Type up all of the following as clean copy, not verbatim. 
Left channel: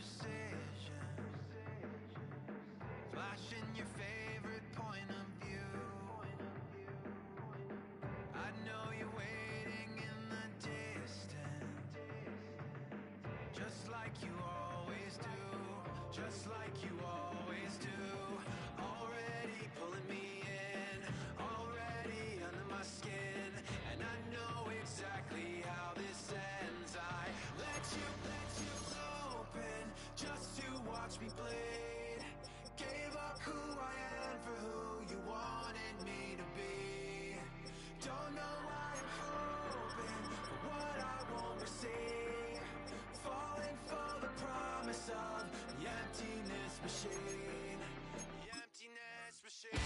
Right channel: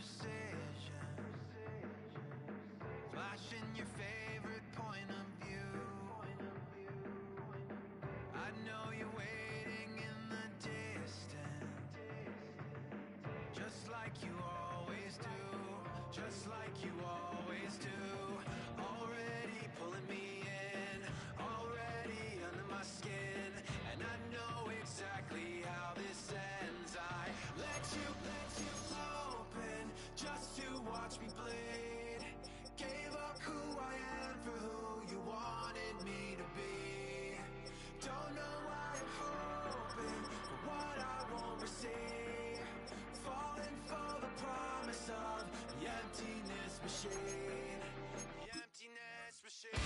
precision, flashing your favorite point of view. I know you're waiting in the distance, just like you always do, just like you always do. Already pulling me in, already under my skin, and I know exactly how this ends. I let you open just to watch me bleed. Gave up who I am for who you wanted me to be. Don't know why I'm hoping for what I won't receive. Falling for the promise of the emptiness machine. The emptiness machine.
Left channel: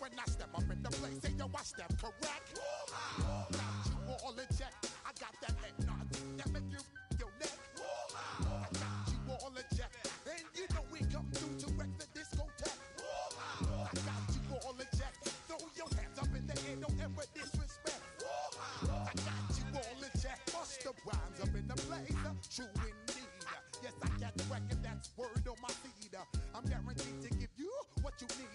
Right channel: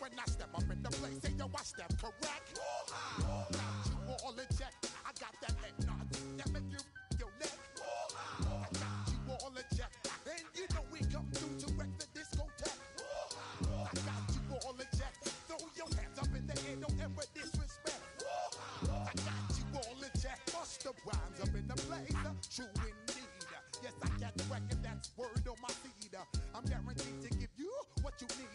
When I step up in the place, say yo, I step correct. Got you all in check. I got that head nod that make you your neck. I got you all in check, and you know we come through to wreck the discotheque. I got you all in check. Throw your hands up in the air, don't ever disrespect. I got you all in check. Bust the rhymes up in the place, true indeed. Yes, I get record, that's word on my seed. I'm guaranteed to give you what you need.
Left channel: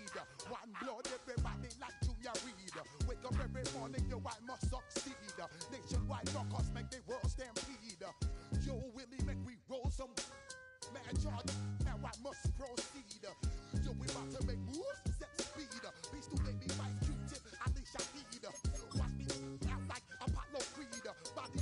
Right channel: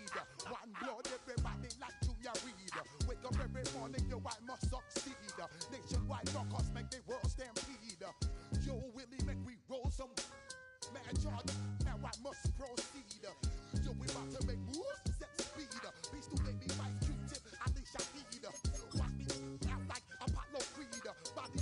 One blood, everybody like Junior Reed. Wake up every morning, yo, I must succeed. Nationwide rockers make the world stampede. Yo, Willie, make we roll some mad charge. Now I must proceed. Yo, we about to make moves, set speed. Beast to make me right, Q-tip, Ali Shaheed. Watch me out like Apollo Creed. Body,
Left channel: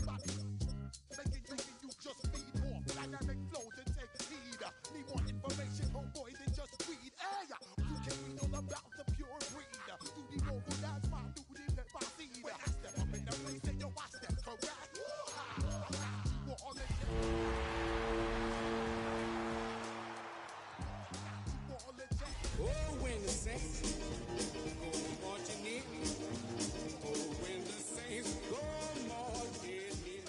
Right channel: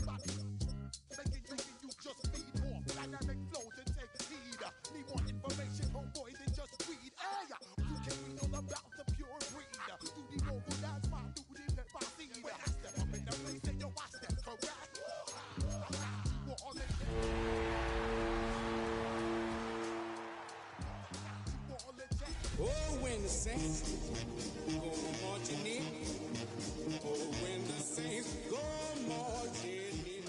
making you just feed more dynamic flows and take heed. Need more information, homeboy, than just read. Hey, you can read all about the pure breed. Do the noble dance, my duty, let my seed. When I step up in the place, say yo, I step correct. I got you all in check. Oh, when the saints go marching in. Oh, when the saints go marching in.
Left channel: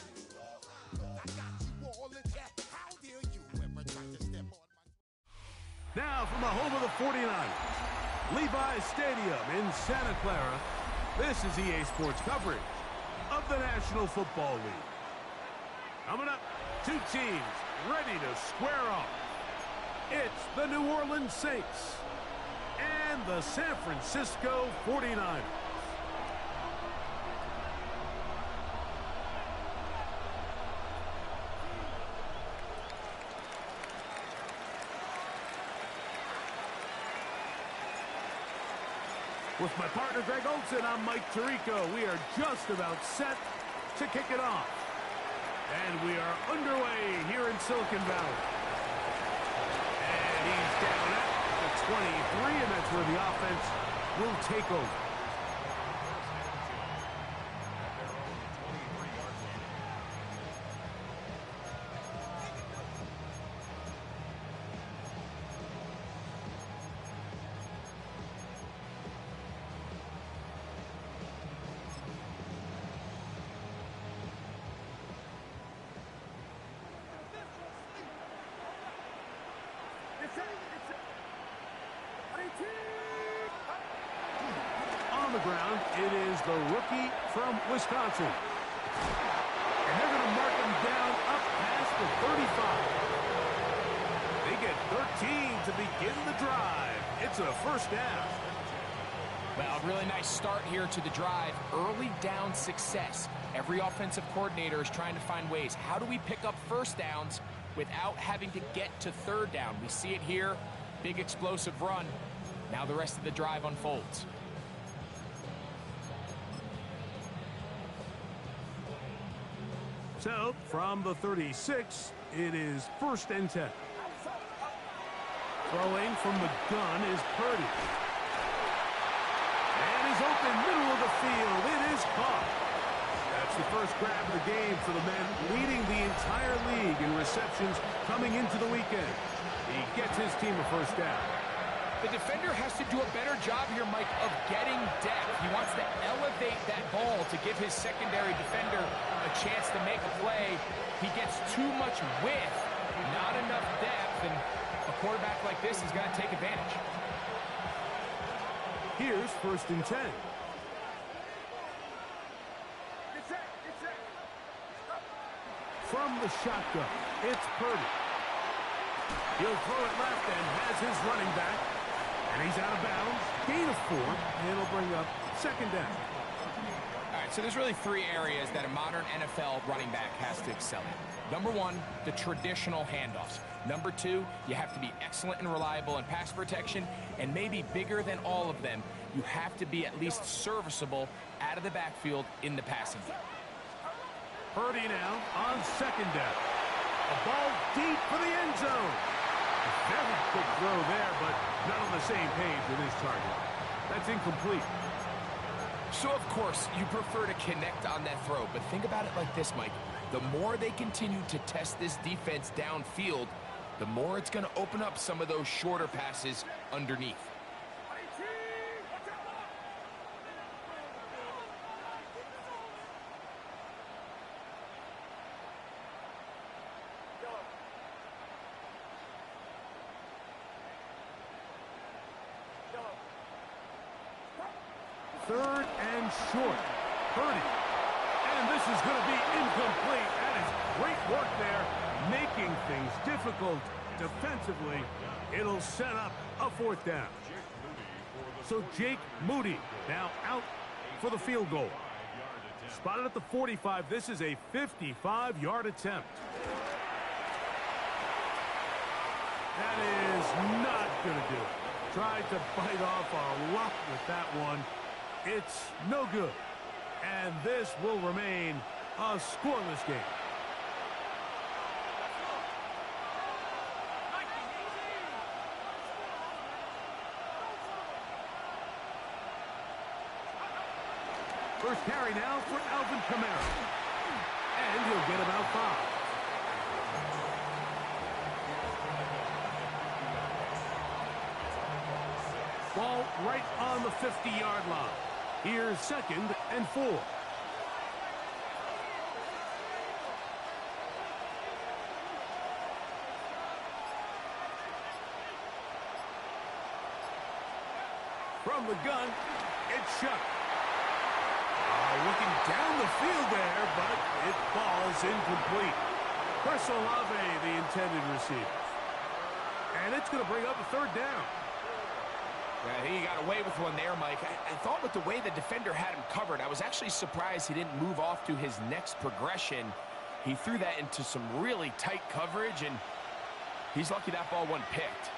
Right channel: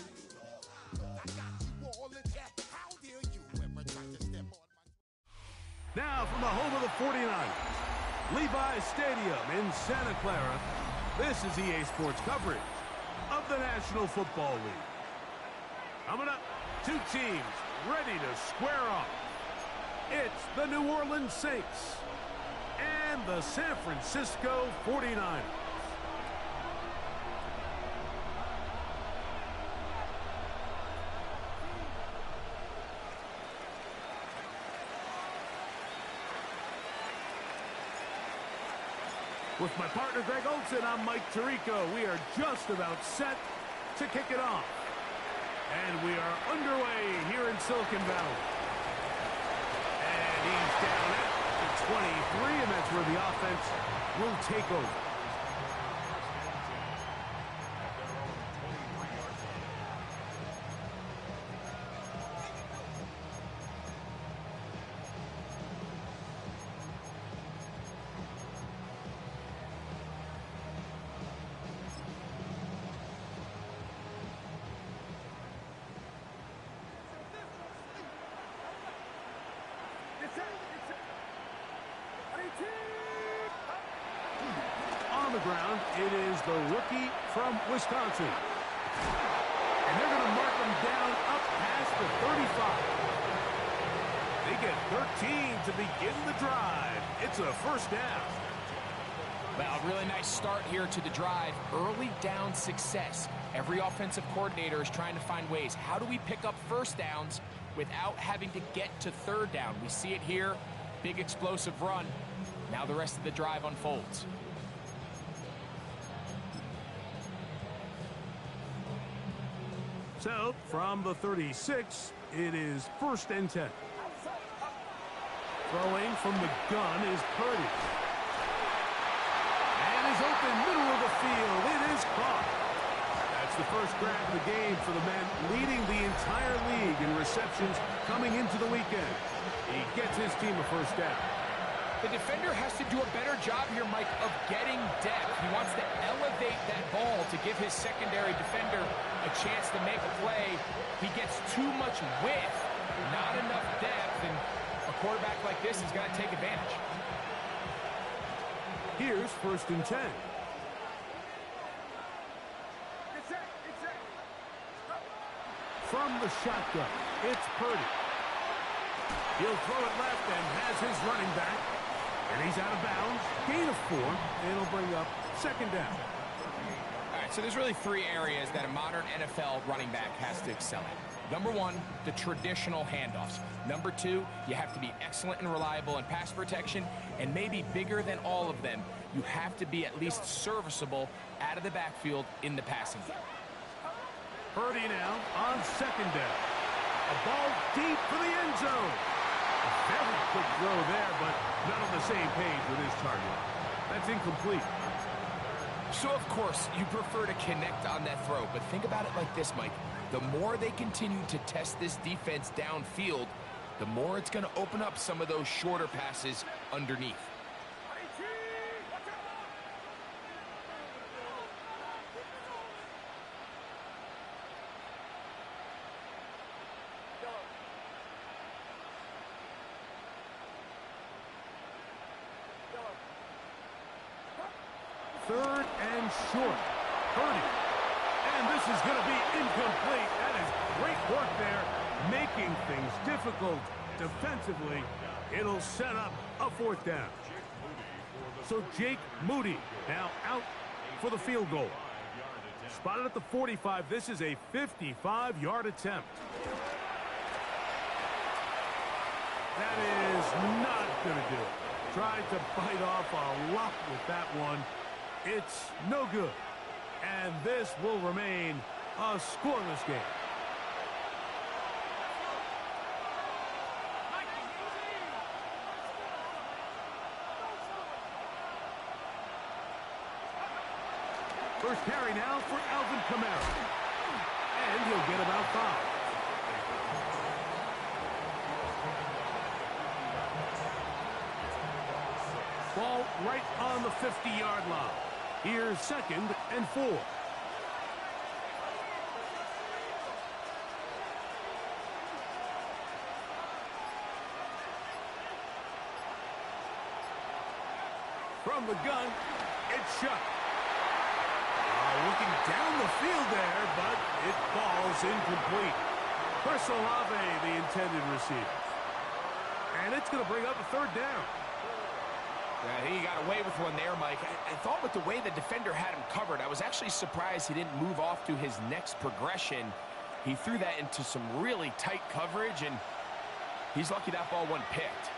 I got you all in check. How dare you ever try to step on my... Now from the home of the 49ers, Levi's Stadium in Santa Clara, this is EA Sports coverage of the National Football League. Coming up, two teams ready to square off. It's the New Orleans Saints and the San Francisco 49ers. With my partner, Greg Olson, I'm Mike Tirico. We are just about set to kick it off. And we are underway here in Silicon Valley. And he's down at the 23, and that's where the offense will take over. On the ground, it is the rookie from Wisconsin. And they're going to mark him down up past the 35. They get 13 to begin the drive. It's a first down. Well, a really nice start here to the drive. Early down success. Every offensive coordinator is trying to find ways. How do we pick up first downs without having to get to third down? We see it here. Big explosive run. Now the rest of the drive unfolds. So, from the 36, it is 1st and 10. Throwing from the gun is Purdy. And is open middle of the field. It is caught. That's the first grab of the game for the man leading the entire league in receptions coming into the weekend. He gets his team a first down. The defender has to do a better job here, Mike, of getting depth. He wants to elevate that ball to give his secondary defender a chance to make a play. He gets too much width, not enough depth, and a quarterback like this is going to take advantage. Here's 1st and 10. From the shotgun, it's Purdy. He'll throw it left and has his running back. And he's out of bounds. Gain of 4, and it'll bring up 2nd down. All right, so there's really 3 areas that a modern NFL running back has to excel at. Number 1, the traditional handoffs. Number 2, you have to be excellent and reliable in pass protection. And maybe bigger than all of them, you have to be at least serviceable out of the backfield in the passing game. Purdy now on 2nd down. A ball deep for the end zone. A very quick throw there, but not on the same page with his target. That's incomplete. So, of course, you prefer to connect on that throw, but think about it like this, Mike. The more they continue to test this defense downfield, the more it's going to open up some of those shorter passes underneath. Third and short. Purdy. And this is going to be incomplete. That is great work there, making things difficult defensively. It'll set up a 4th down. So Jake Moody now out for the field goal. Spotted at the 45. This is a 55-yard attempt. That is not going to do it. Tried to bite off a lot with that one. It's no good. And this will remain a scoreless game. First carry now for Alvin Kamara. And he'll get about 5. Ball right on the 50-yard line. Here's 2nd and 4. From the gun, it's shut. Looking down the field there, but it falls incomplete. Chris Olave, the intended receiver. And it's going to bring up a third down. Yeah, I think he got away with one there, Mike. I thought with the way the defender had him covered, I was actually surprised he didn't move off to his next progression. He threw that into some really tight coverage, and he's lucky that ball wasn't picked.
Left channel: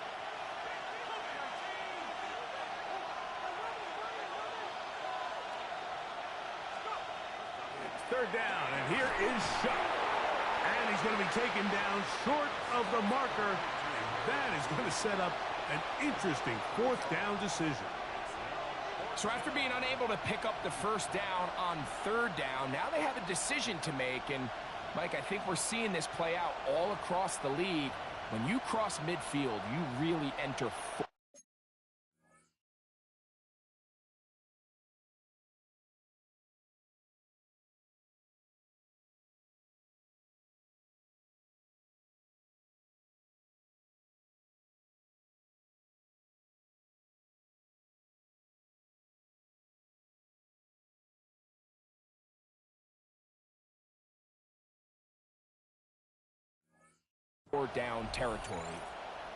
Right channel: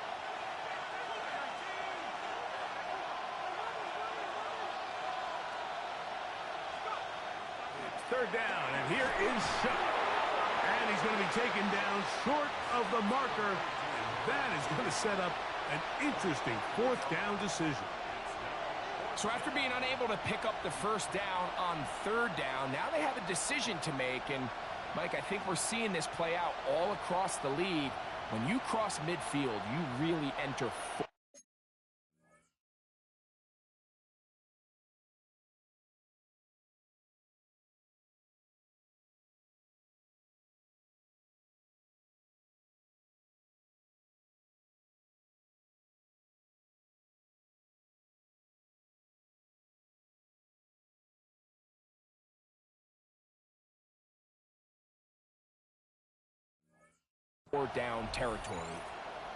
It's third down, and here is Shuck. And he's going to be taken down short of the marker, and that is going to set up an interesting fourth down decision. So after being unable to pick up the first down on third down, now they have a decision to make. And, Mike, I think we're seeing this play out all across the league. When you cross midfield, you really enter down territory.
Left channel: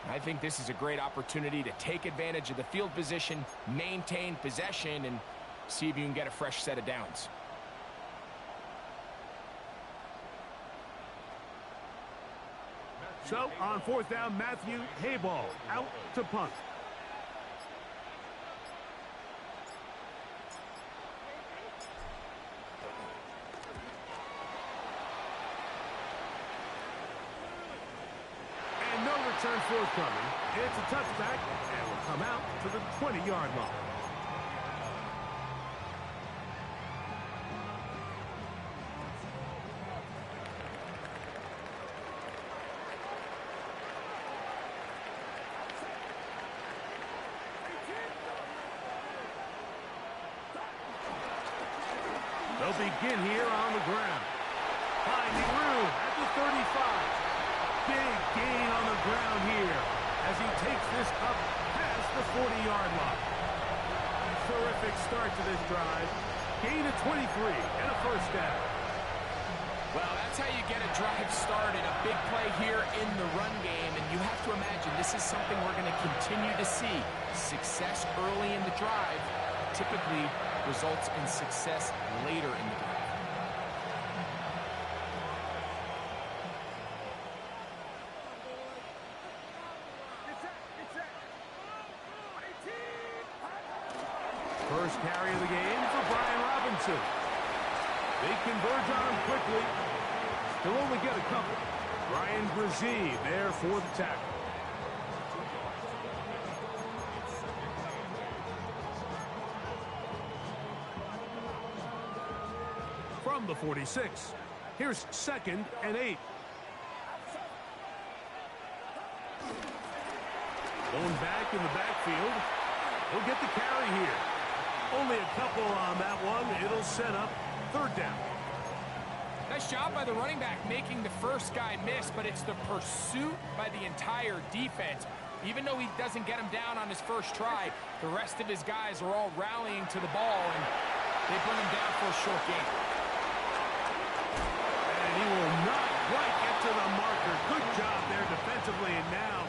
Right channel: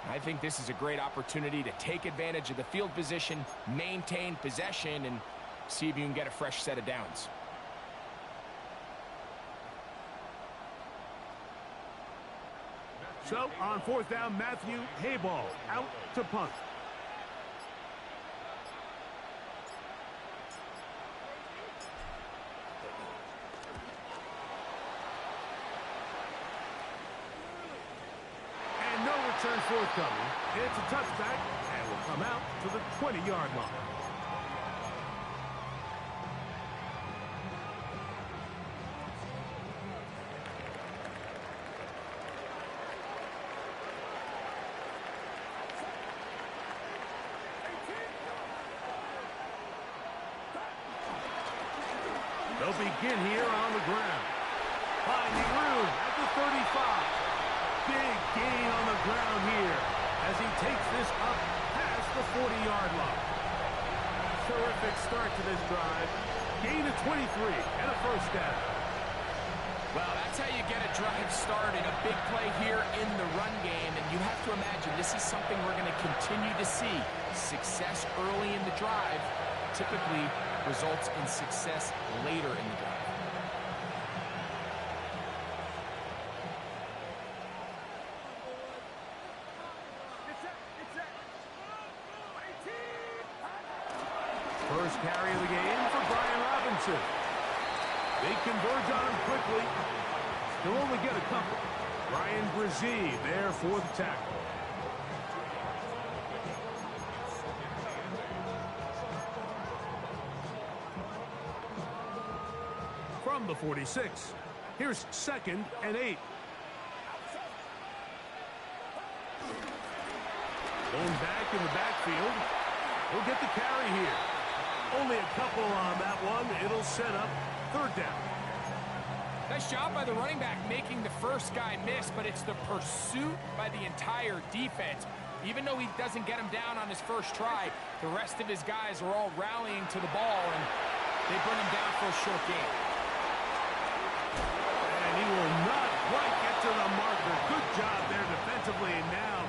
I think this is a great opportunity to take advantage of the field position, maintain possession, and see if you can get a fresh set of downs. So, on fourth down, Matthew Hayball out to punt. And no return forthcoming. It's a touchback and will come out to the 20-yard line. They'll begin here on the ground. Finding room at the 35. Big gain on the ground here as he takes this up past the 40-yard line. Terrific start to this drive. Gain of 23 and a first down. Well, that's how you get a drive started. A big play here in the run game, and you have to imagine this is something we're going to continue to see. Success early in the drive typically results in success later in the drive. First carry of the game for Brian Robinson. They converge on him quickly. He'll only get a couple. Ryan Brzee there for the tackle. From the 46, here's 2nd and 8. Going back in the backfield. He'll get the carry here. Only a couple on that one. It'll set up third down. Nice job by the running back making the first guy miss, but it's the pursuit by the entire defense. Even though he doesn't get him down on his first try, the rest of his guys are all rallying to the ball, and they bring him down for a short gain. And he will not quite get to the marker. Good job there defensively, and now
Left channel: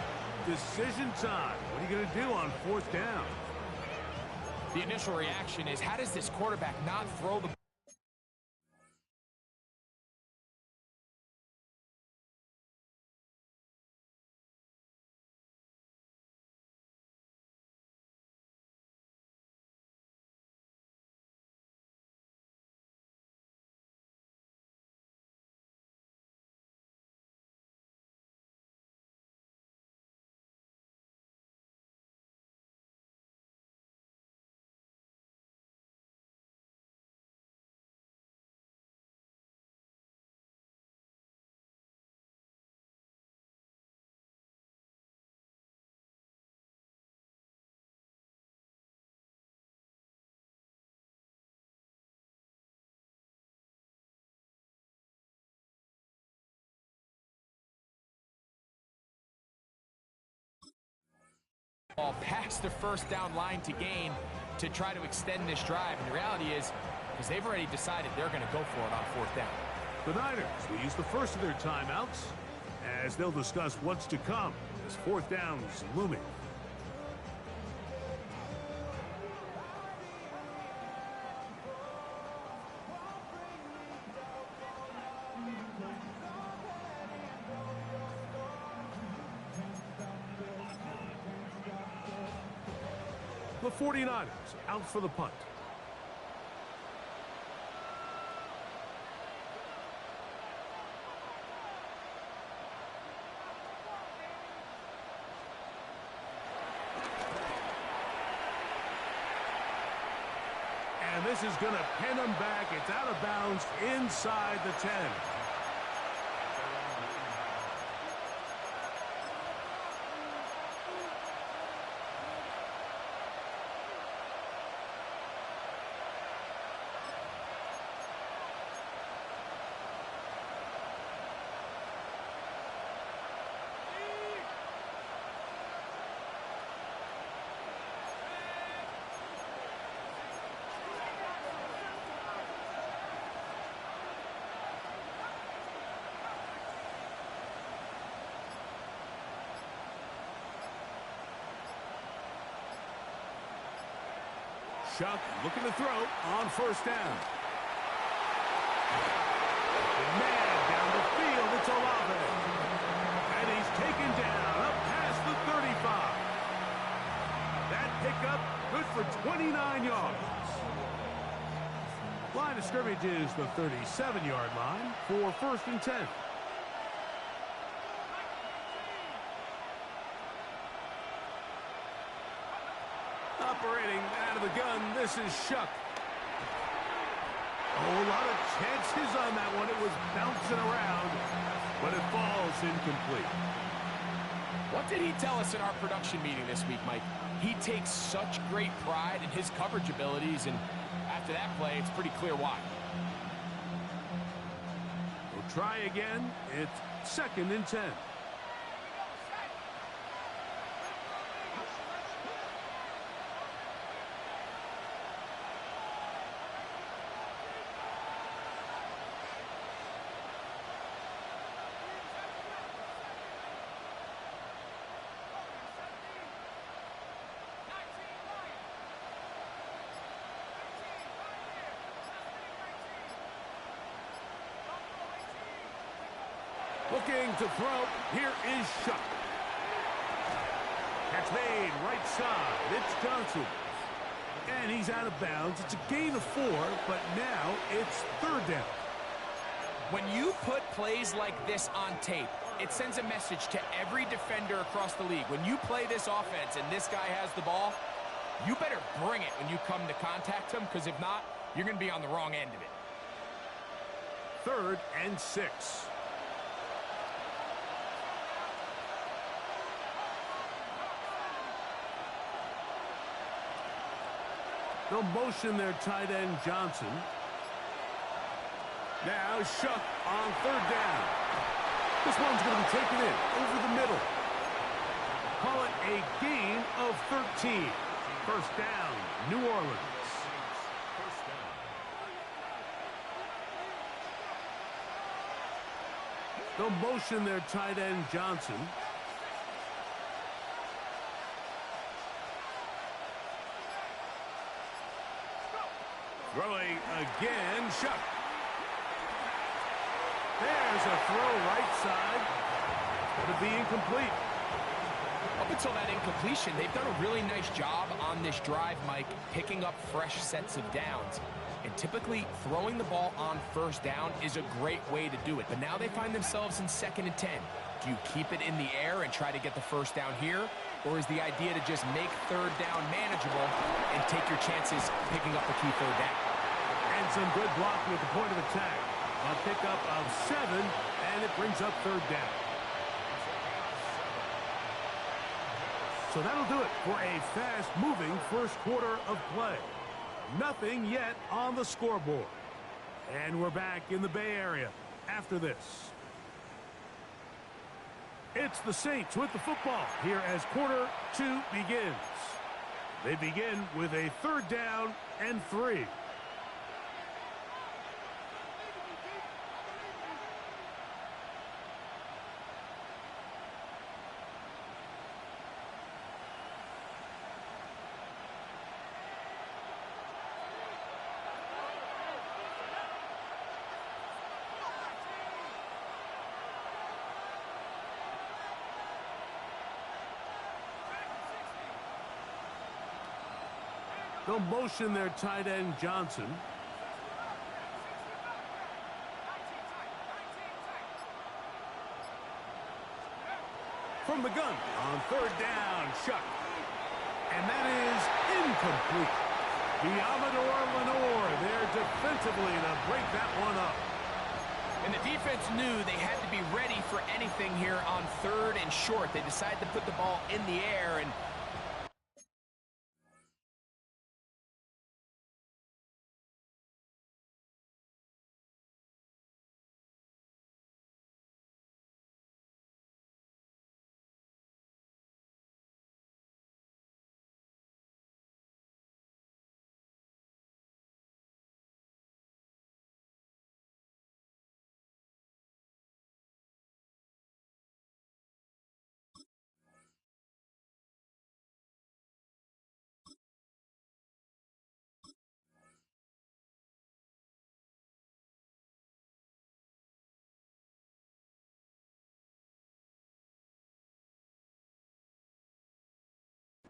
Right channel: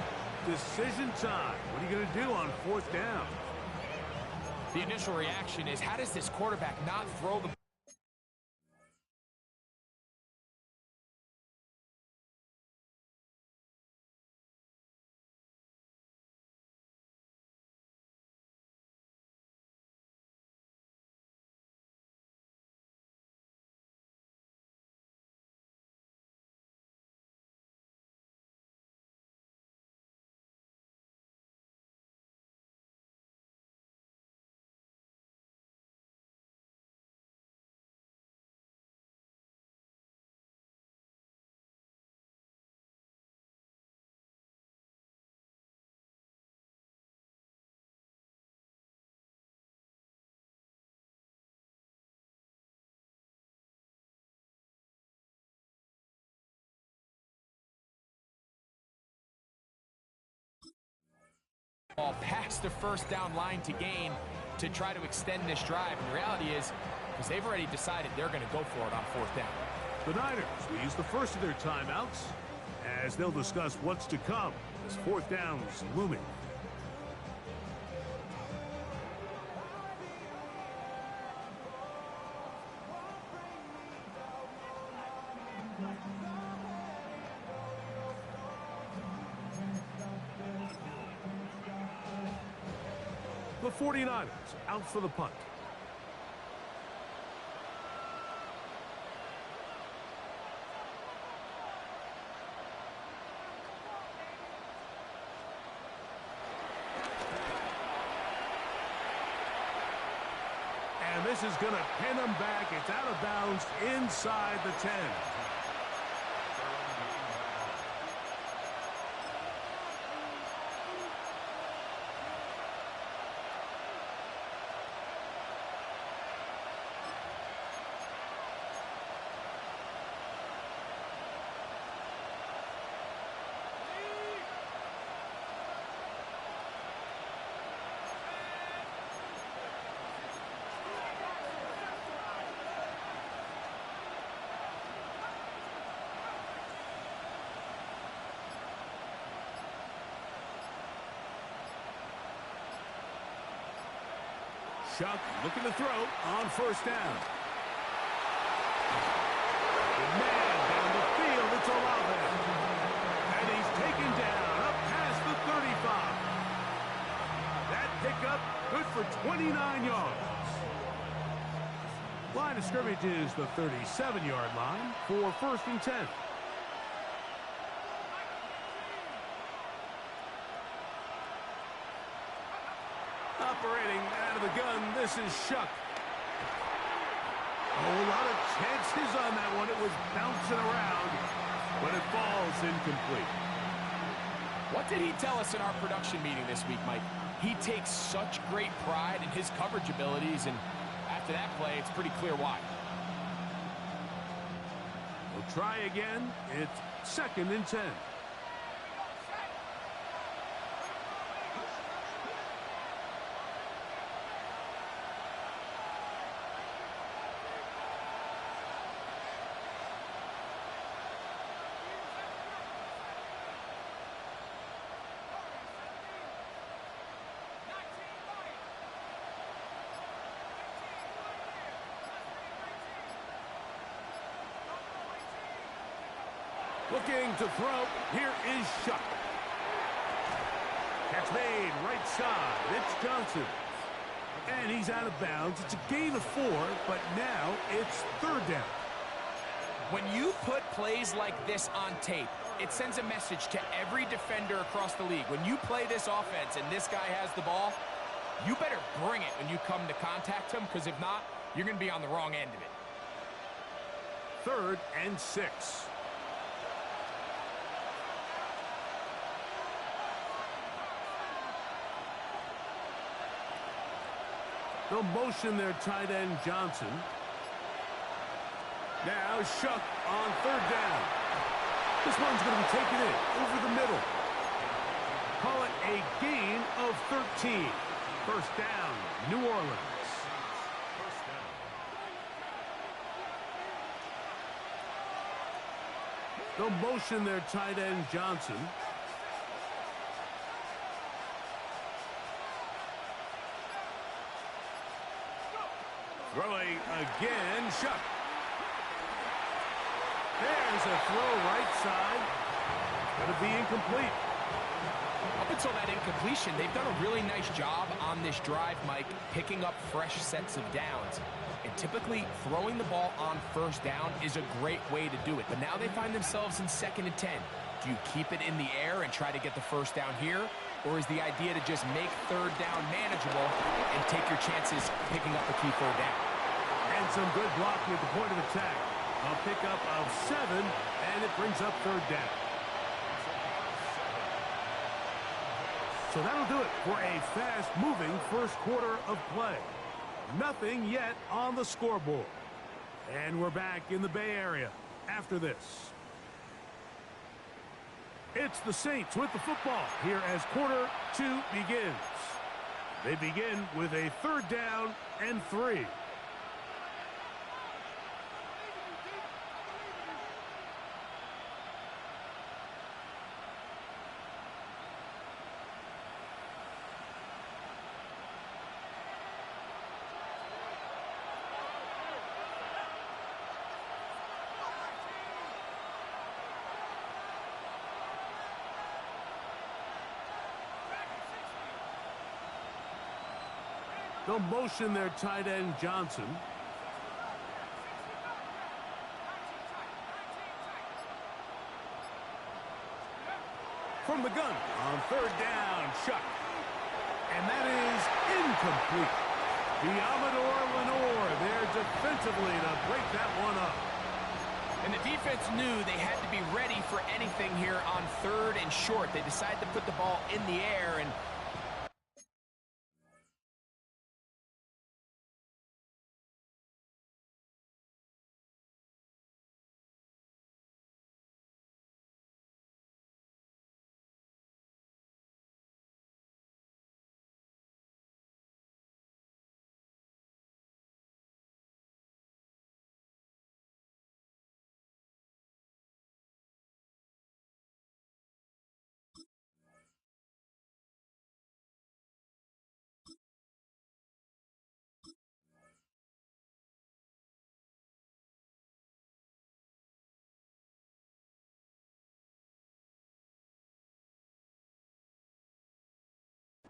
decision time. What are you going to do on fourth down? The initial reaction is, how does this quarterback not throw the ball past the first down line to gain to try to extend this drive? And the reality is they've already decided they're going to go for it on fourth down. The Niners will use the first of their timeouts as they'll discuss what's to come as fourth down's looming. The 49ers out for the punt. And this is going to pin them back. It's out of bounds inside the 10. Shuck looking to throw on first down. The man down the field, it's Olave. And he's taken down up past the 35. That pickup good for 29 yards. Line of scrimmage is the 37-yard line for first and 10. Operating out of the gun, this is Shuck. Oh, a lot of chances on that one. It was bouncing around, but it falls incomplete. What did he tell us in our production meeting this week, Mike? He takes such great pride in his coverage abilities, and after that play, it's pretty clear why. We'll try again. It's second and 10. Looking to throw. Here is Shuck. Catch made right side. It's Johnson. And he's out of bounds. It's a gain of 4, but now it's third down. When you put plays like this on tape, it sends a message to every defender across the league. When you play this offense and this guy has the ball, you better bring it when you come to contact him, because if not, you're going to be on the wrong end of it. Third and 6. They'll motion their tight end Johnson. Now Shuck on third down. This one's going to be taken in over the middle. Call it a gain of 13. First down, New Orleans. They'll motion their tight end Johnson. Throwing again, Shuck. There's a throw right side. Going to be incomplete. Up until that incompletion, they've done a really nice job on this drive, Mike, picking up fresh sets of downs. And typically, throwing the ball on first down is a great way to do it. But now they find themselves in second and 10. Do you keep it in the air and try to get the first down here? Or is the idea to just make third down manageable and take your chances picking up a key third down? And some good blocking at the point of attack. A pickup of 7, and it brings up third down. So that'll do it for a fast-moving first quarter of play. Nothing yet on the scoreboard. And we're back in the Bay Area after this. It's the Saints with the football here as quarter 2 begins. They begin with a third down and 3. They'll motion their tight end, Johnson. From the gun on third down, Chuck. And that is incomplete. Diamador Lenore there defensively to break that one up. And the defense knew they had to be ready for anything here on third and short. They decided to put the ball in the air, and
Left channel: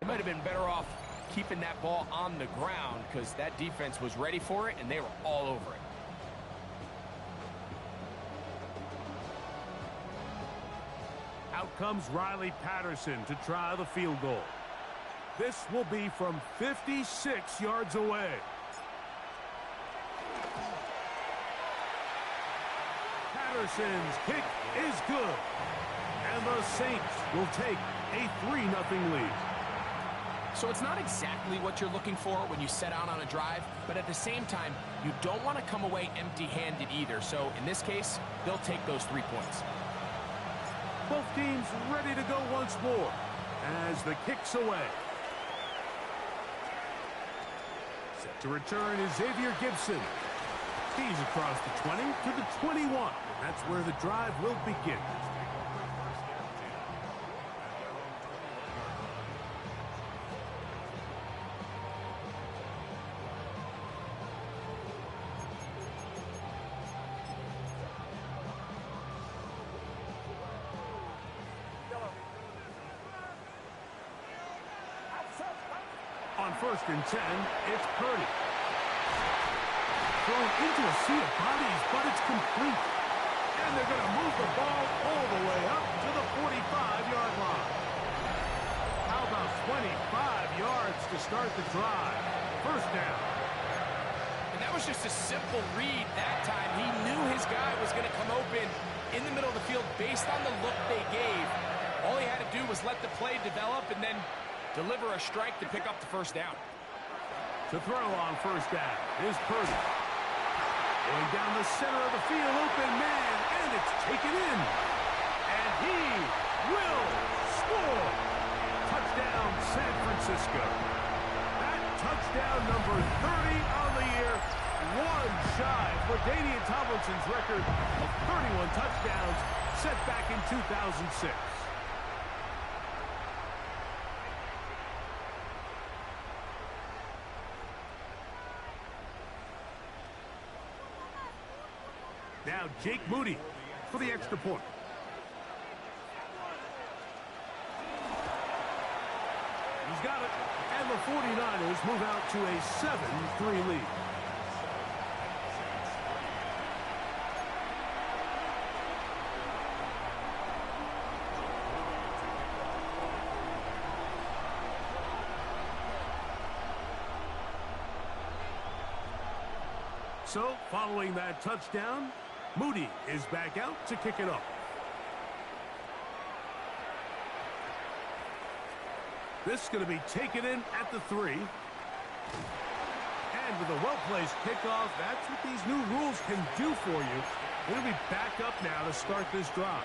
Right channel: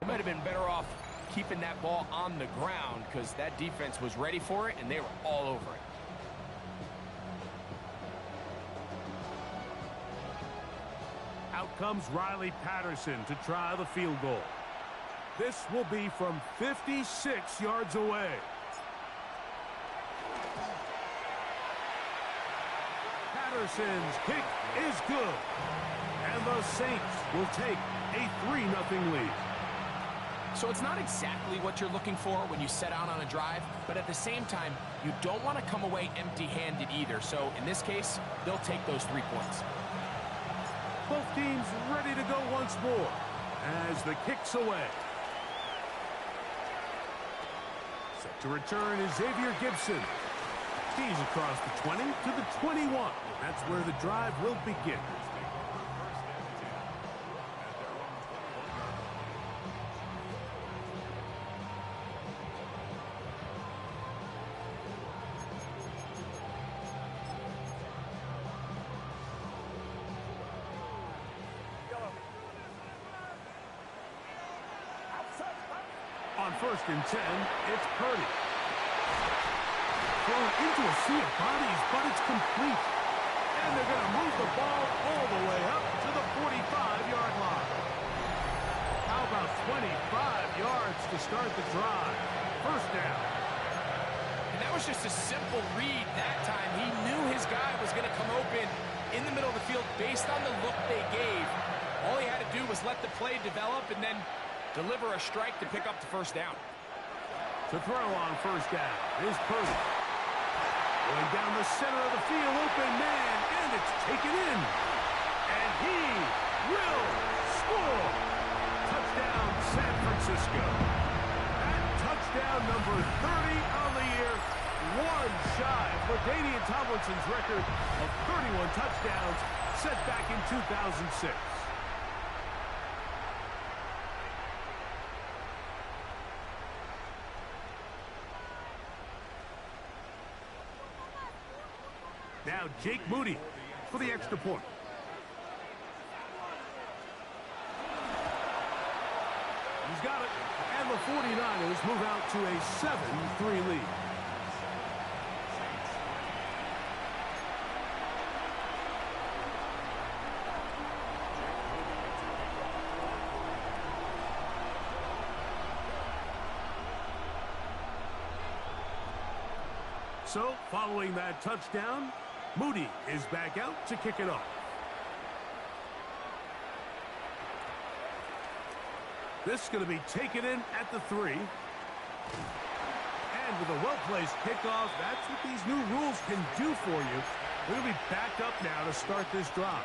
they might have been better off keeping that ball on the ground because that defense was ready for it, and they were all over it. Out comes Riley Patterson to try the field goal. This will be from 56 yards away. Patterson's kick is good. And the Saints will take a 3-0 lead. So it's not exactly what you're looking for when you set out on a drive, but at the same time, you don't want to come away empty-handed either. So in this case, they'll take those 3 points. Both teams ready to go once more as the kick's away. Set to return is Xavier Gibson. He's across the 20 to the 21. That's where the drive will begin. On 1st and 10, it's Purdy. Thrown into a sea of bodies, but it's complete. And they're going to move the ball all the way up to the 45-yard line. How about 25 yards to start the drive? First down. And that was just a simple read that time. He knew his guy was going to come open in the middle of the field based on the look they gave. All he had to do was let the play develop and then deliver a strike to pick up the first down. To throw on first down is Purdy. Going down the center of the field, open man, and it's taken in. And he will score. Touchdown, San Francisco. That touchdown number 30 on the year, one shy of LaDainian Tomlinson's record of 31 touchdowns set back in 2006. Now Jake Moody for the extra point. He's got it. And the 49ers move out to a 7-3 lead. So, following that touchdown, Moody is back out to kick it off. This is going to be taken in at the 3. And with a well-placed kickoff, that's what these new rules can do for you. We're going to be back up now to start this drive.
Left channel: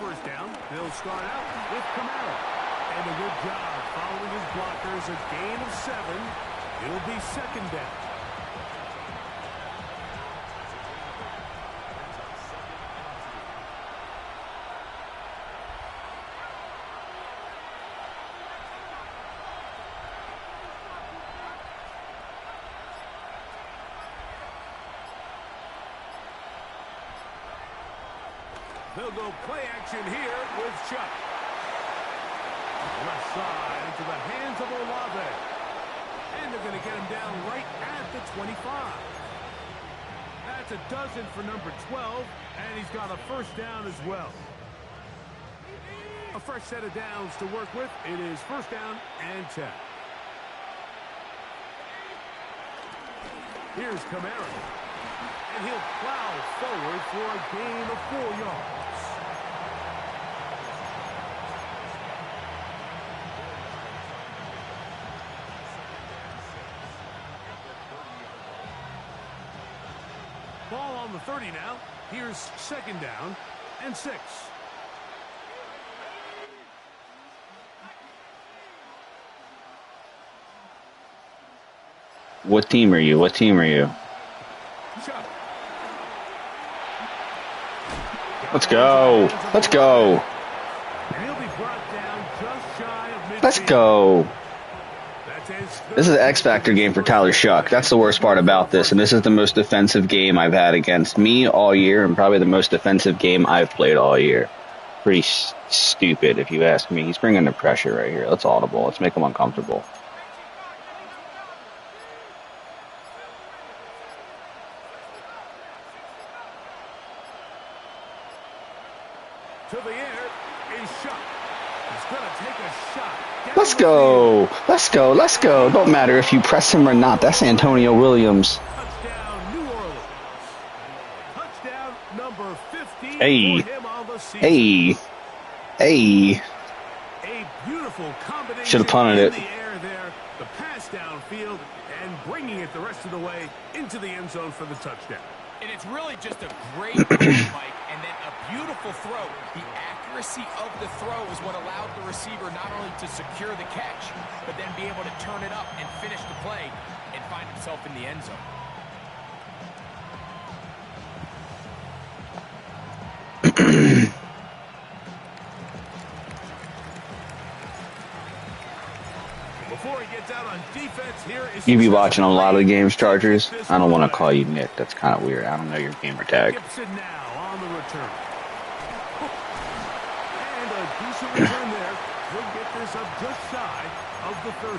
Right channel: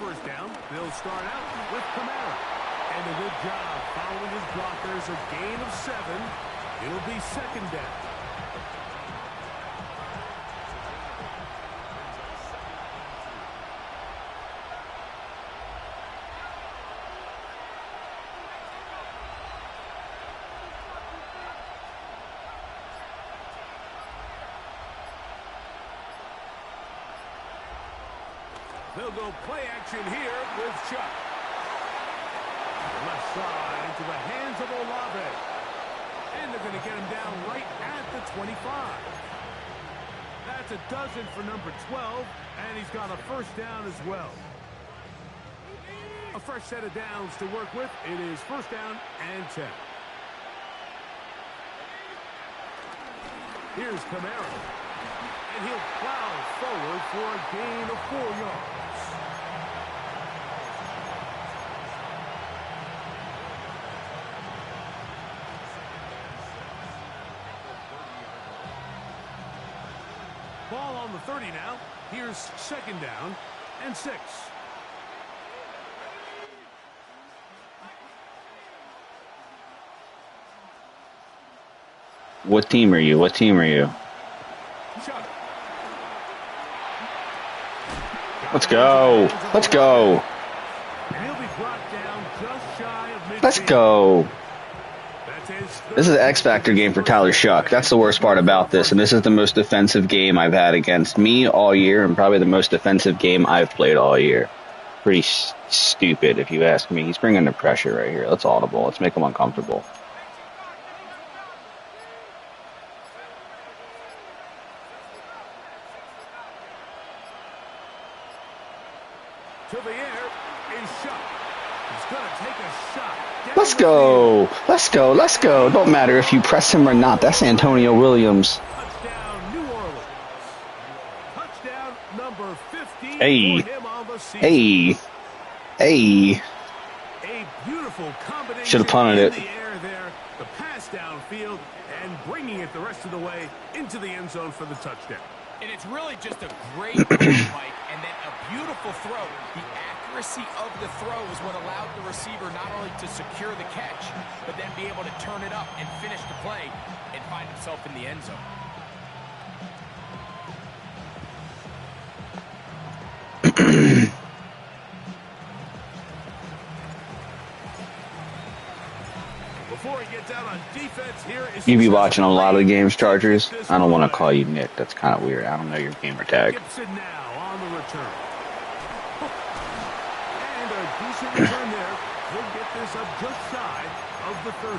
First down, they'll start out with Kamara. And a good job following his blockers, a gain of 7. It'll be second down. They'll go play action here with Chuck. Left side into the hands of Olave. And they're going to get him down right at the 25. That's a dozen for number 12, and he's got a first down as well. A fresh set of downs to work with. It is first down and 10. Here's Kamara. And he'll plow forward for a gain of 4 yards. Ball on the 30 now. Here's second down and 6. What team are you? What team are you? Chuck. Let's go. Let's go. And he'll be brought down just shy of midfield. Let's go. That's his This is an X Factor game for Tyler Shuck. That's the worst part about this. And this is the most defensive game I've had against me all year, and probably the most defensive game I've played all year. Pretty stupid, if you ask me. He's bringing the pressure right here. Let's audible. Let's make him uncomfortable. to the air is Shuck. He's going to take a shot. Let's go. Let's go. Let's go. Don't matter if you press him or not. That's Antonio Williams. Touchdown, New Orleans. Touchdown number 15 Hey. for him on the season. Hey. Hey. A beautiful combination Should've punted in it. the air there. The pass downfield and bringing it the rest of the way into the end zone for the touchdown. And it's really just a great throw, Mike, and then a beautiful throw. The accuracy of the throw is what allowed the receiver not only to secure the catch, but then be able to turn it up and finish the play and find himself in the end zone. Before he gets out on defense, here is You be watching a lot of the games, Chargers. I don't want to call you Nick. That's kind of weird. I don't know your gamer tag. Gibson now on the return. And a decent return there. He'll get this up just shy of the 30.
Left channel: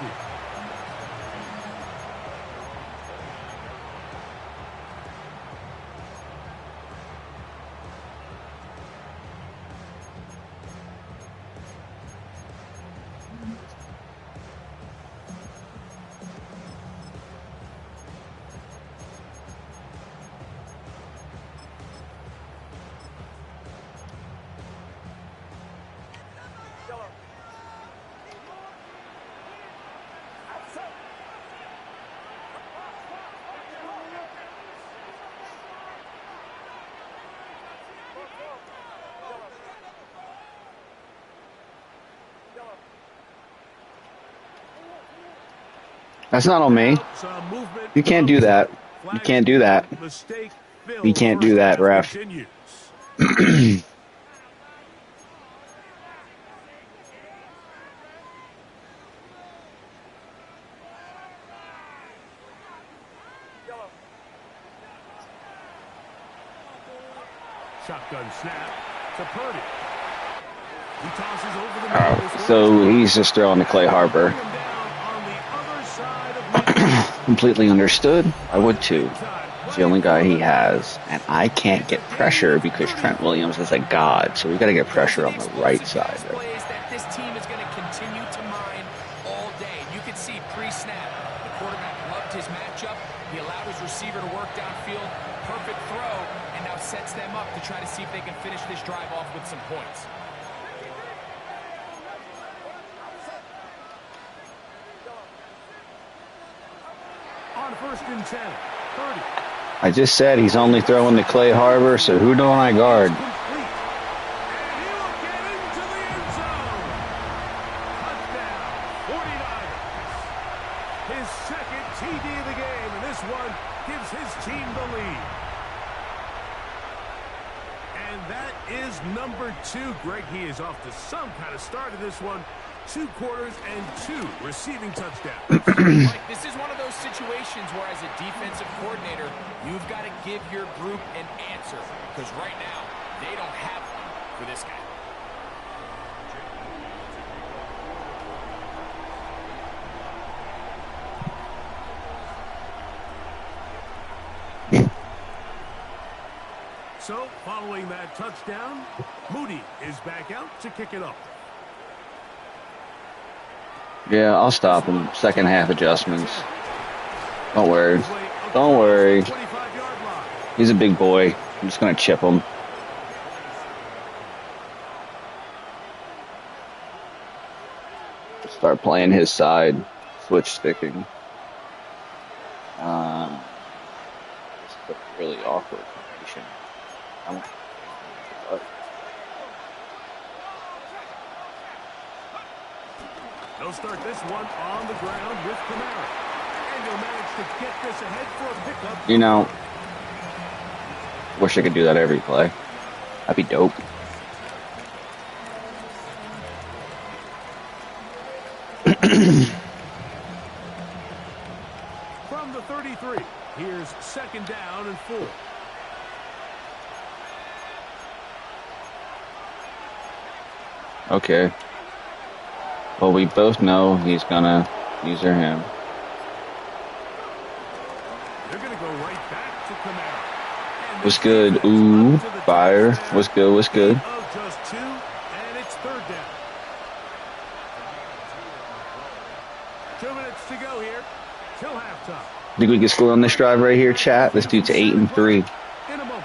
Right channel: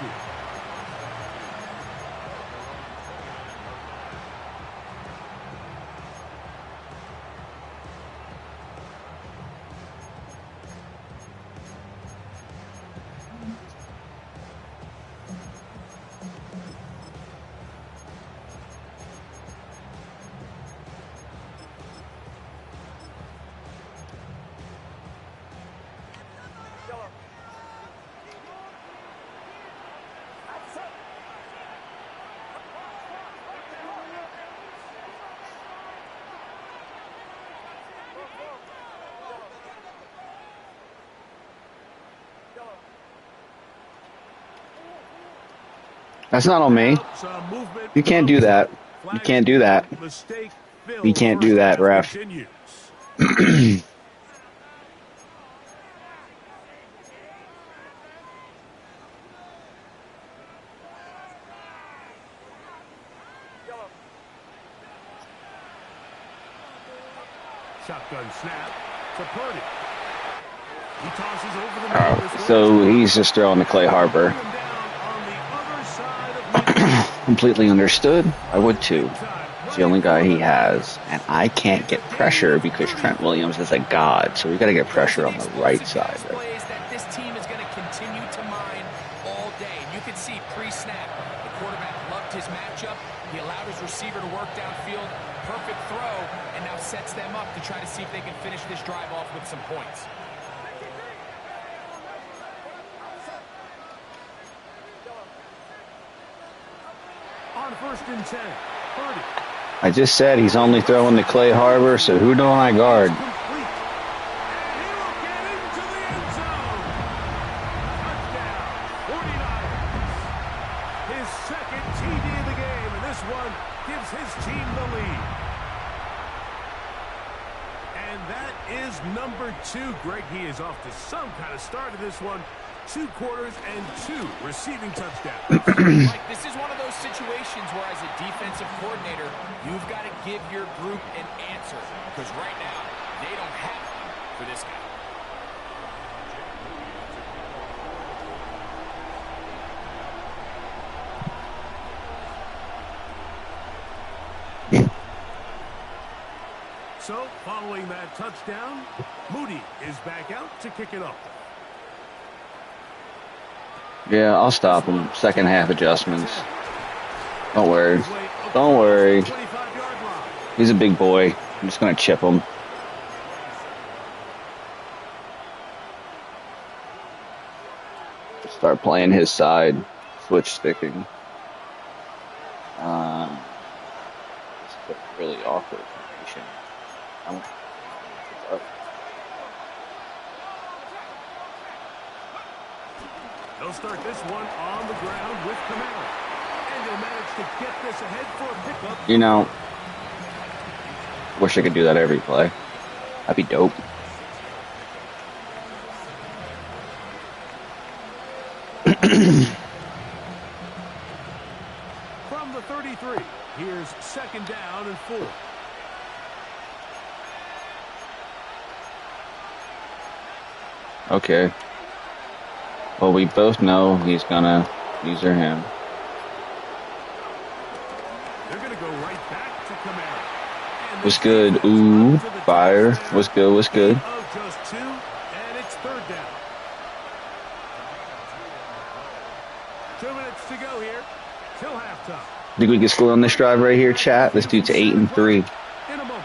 That's not on me. Some movement. You can't do that. You can't do that. Mistake. You can't do that, ref. Continues. Shotgun snap to Purdy. He tosses over the middle. This one So is- he's just throwing to Clay Harbor. Bring him down on the other side of midfield. Completely understood. I would too. It's the only guy he has. And I can't get pressure because Trent Williams is a god. So we got to get pressure on the right side. Right? Plays that this team is going to continue to mine all day. And you can see pre-snap, the quarterback loved his matchup. He allowed his receiver to work downfield. Perfect throw, and now sets them up to try to see if they can finish this drive off with some points. On first and 10. Purdy. I just said he's only throwing to Clay Harbor. So who don't I guard? Complete. And he will get into the end zone. Touchdown, 49ers. His second TD of the game, and this one gives his team the lead. And that is number 2. Greg, he is off to some kind of start of this one. 2 quarters and 2 receiving touchdowns. Like, this is one of those situations where, as a defensive coordinator, you've got to give your group an answer. Because right now, they don't have one. for this guy. So, following that touchdown, Moody is back out to kick it off. Yeah, I'll stop him. Second half adjustments. Don't worry. Don't worry. He's a big boy. I'm just going to chip him. Start playing his side. Switch sticking. This is a really awkward formation. They'll start this one on the ground with Kamara. And he'll manage to get this ahead for a pickup. You know, wish I could do that every play. That'd be dope. From the 33, here's 2nd down and 4. Okay. Well, we both know he's gonna use her him. They're gonna go right back to Kamara. What's good? Ooh, fire. What's good? What's good? Of just 2, and it's 3rd down. 2 minutes to go here till halftime. Think we can score on this drive right here, chat? This dude's 8-3. In a moment.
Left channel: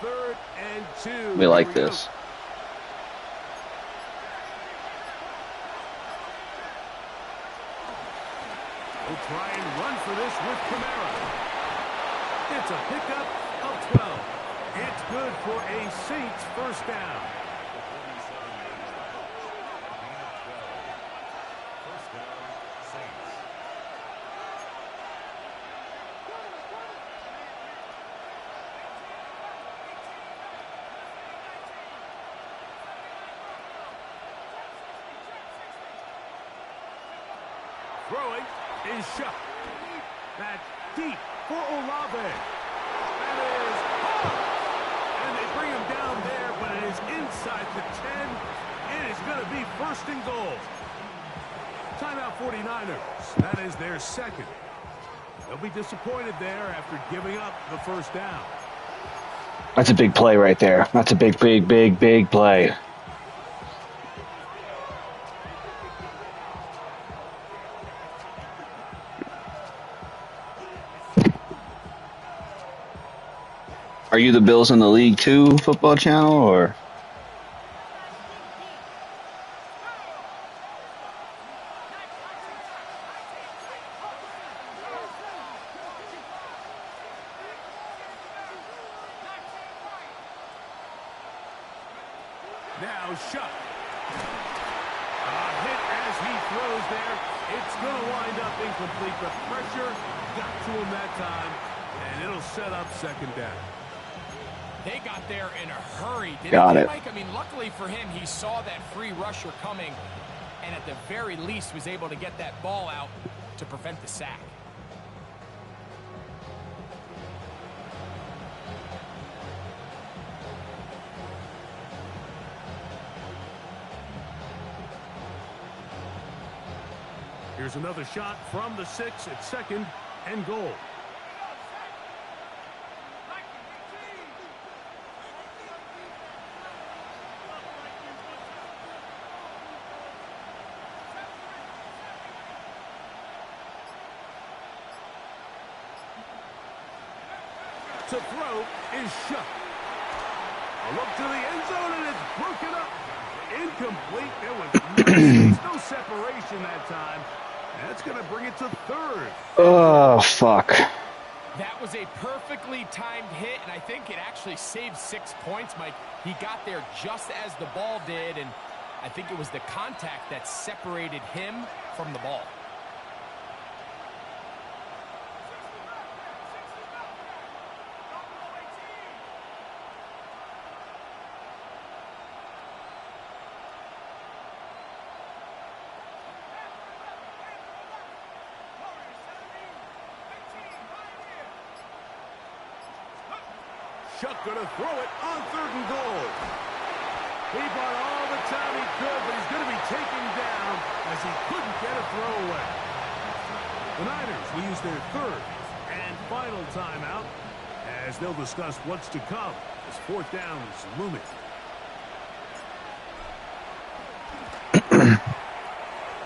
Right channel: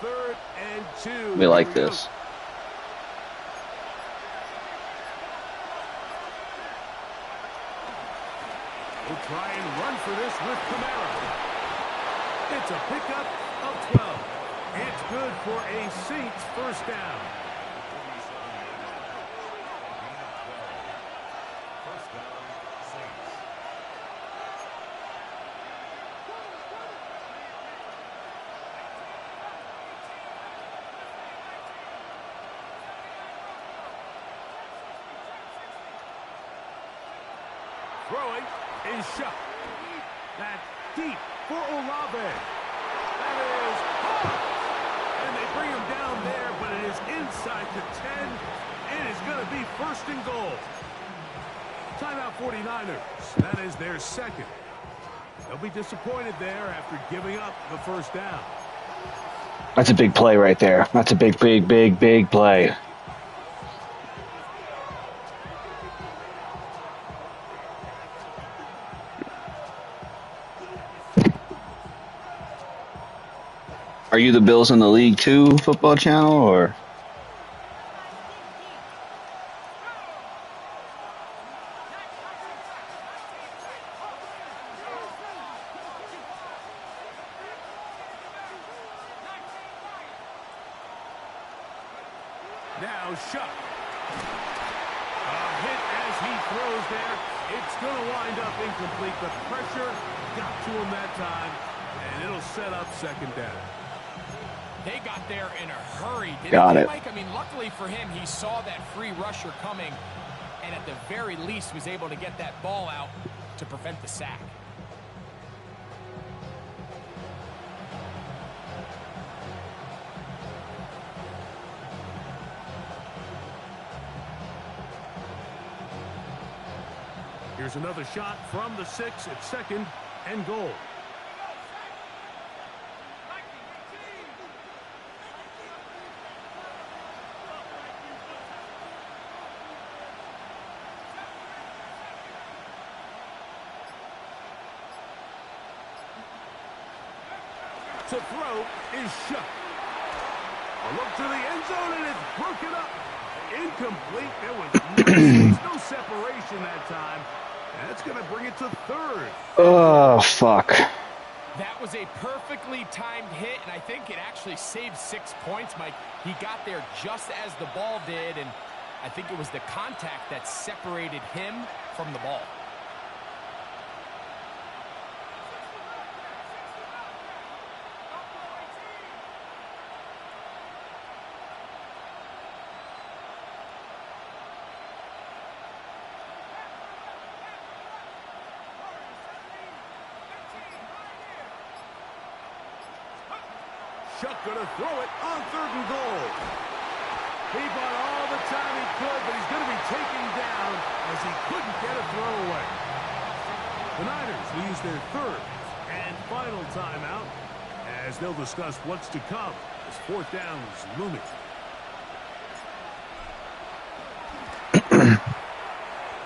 Third and 2. We like this. We'll try and run for this with Kamara. It's a pickup of 12. It's good for a Saints 1st down. Throwing is shot. That's deep for Olave. That is hard. And they bring him down there, but it is inside the 10. It is going to be 1st and goal. Timeout 49ers. That is their 2nd. They'll be disappointed there after giving up the 1st down. That's a big play right there. That's a big play. Are you the Bills in the League 2 football channel, or? Now Shuck. A hit as he throws there. It's going to wind up incomplete. The pressure got to him that time, and it'll set up 2nd down. They got there in a hurry, didn't Got they, it. Mike? I mean, luckily for him, he saw that free rusher coming, and at the very least was able to get that ball out to prevent the sack. Here's another shot from the 6 at 2nd and goal. To throw is Shuck. A look to the end zone, and it's broken up. Incomplete. There was no space, no separation that time. That's going to bring it to 3rd. Oh, fuck. That was a perfectly timed hit, and I think it actually saved 6 points, Mike. He got there just as the ball did, and I think it was the contact that separated him from the ball. Shuck going to throw it on 3rd and goal. He bought all the time he could, but he's going to be taken down as he couldn't get a throw away. The Niners will use their 3rd and final timeout as they'll discuss what's to come as 4th down is looming.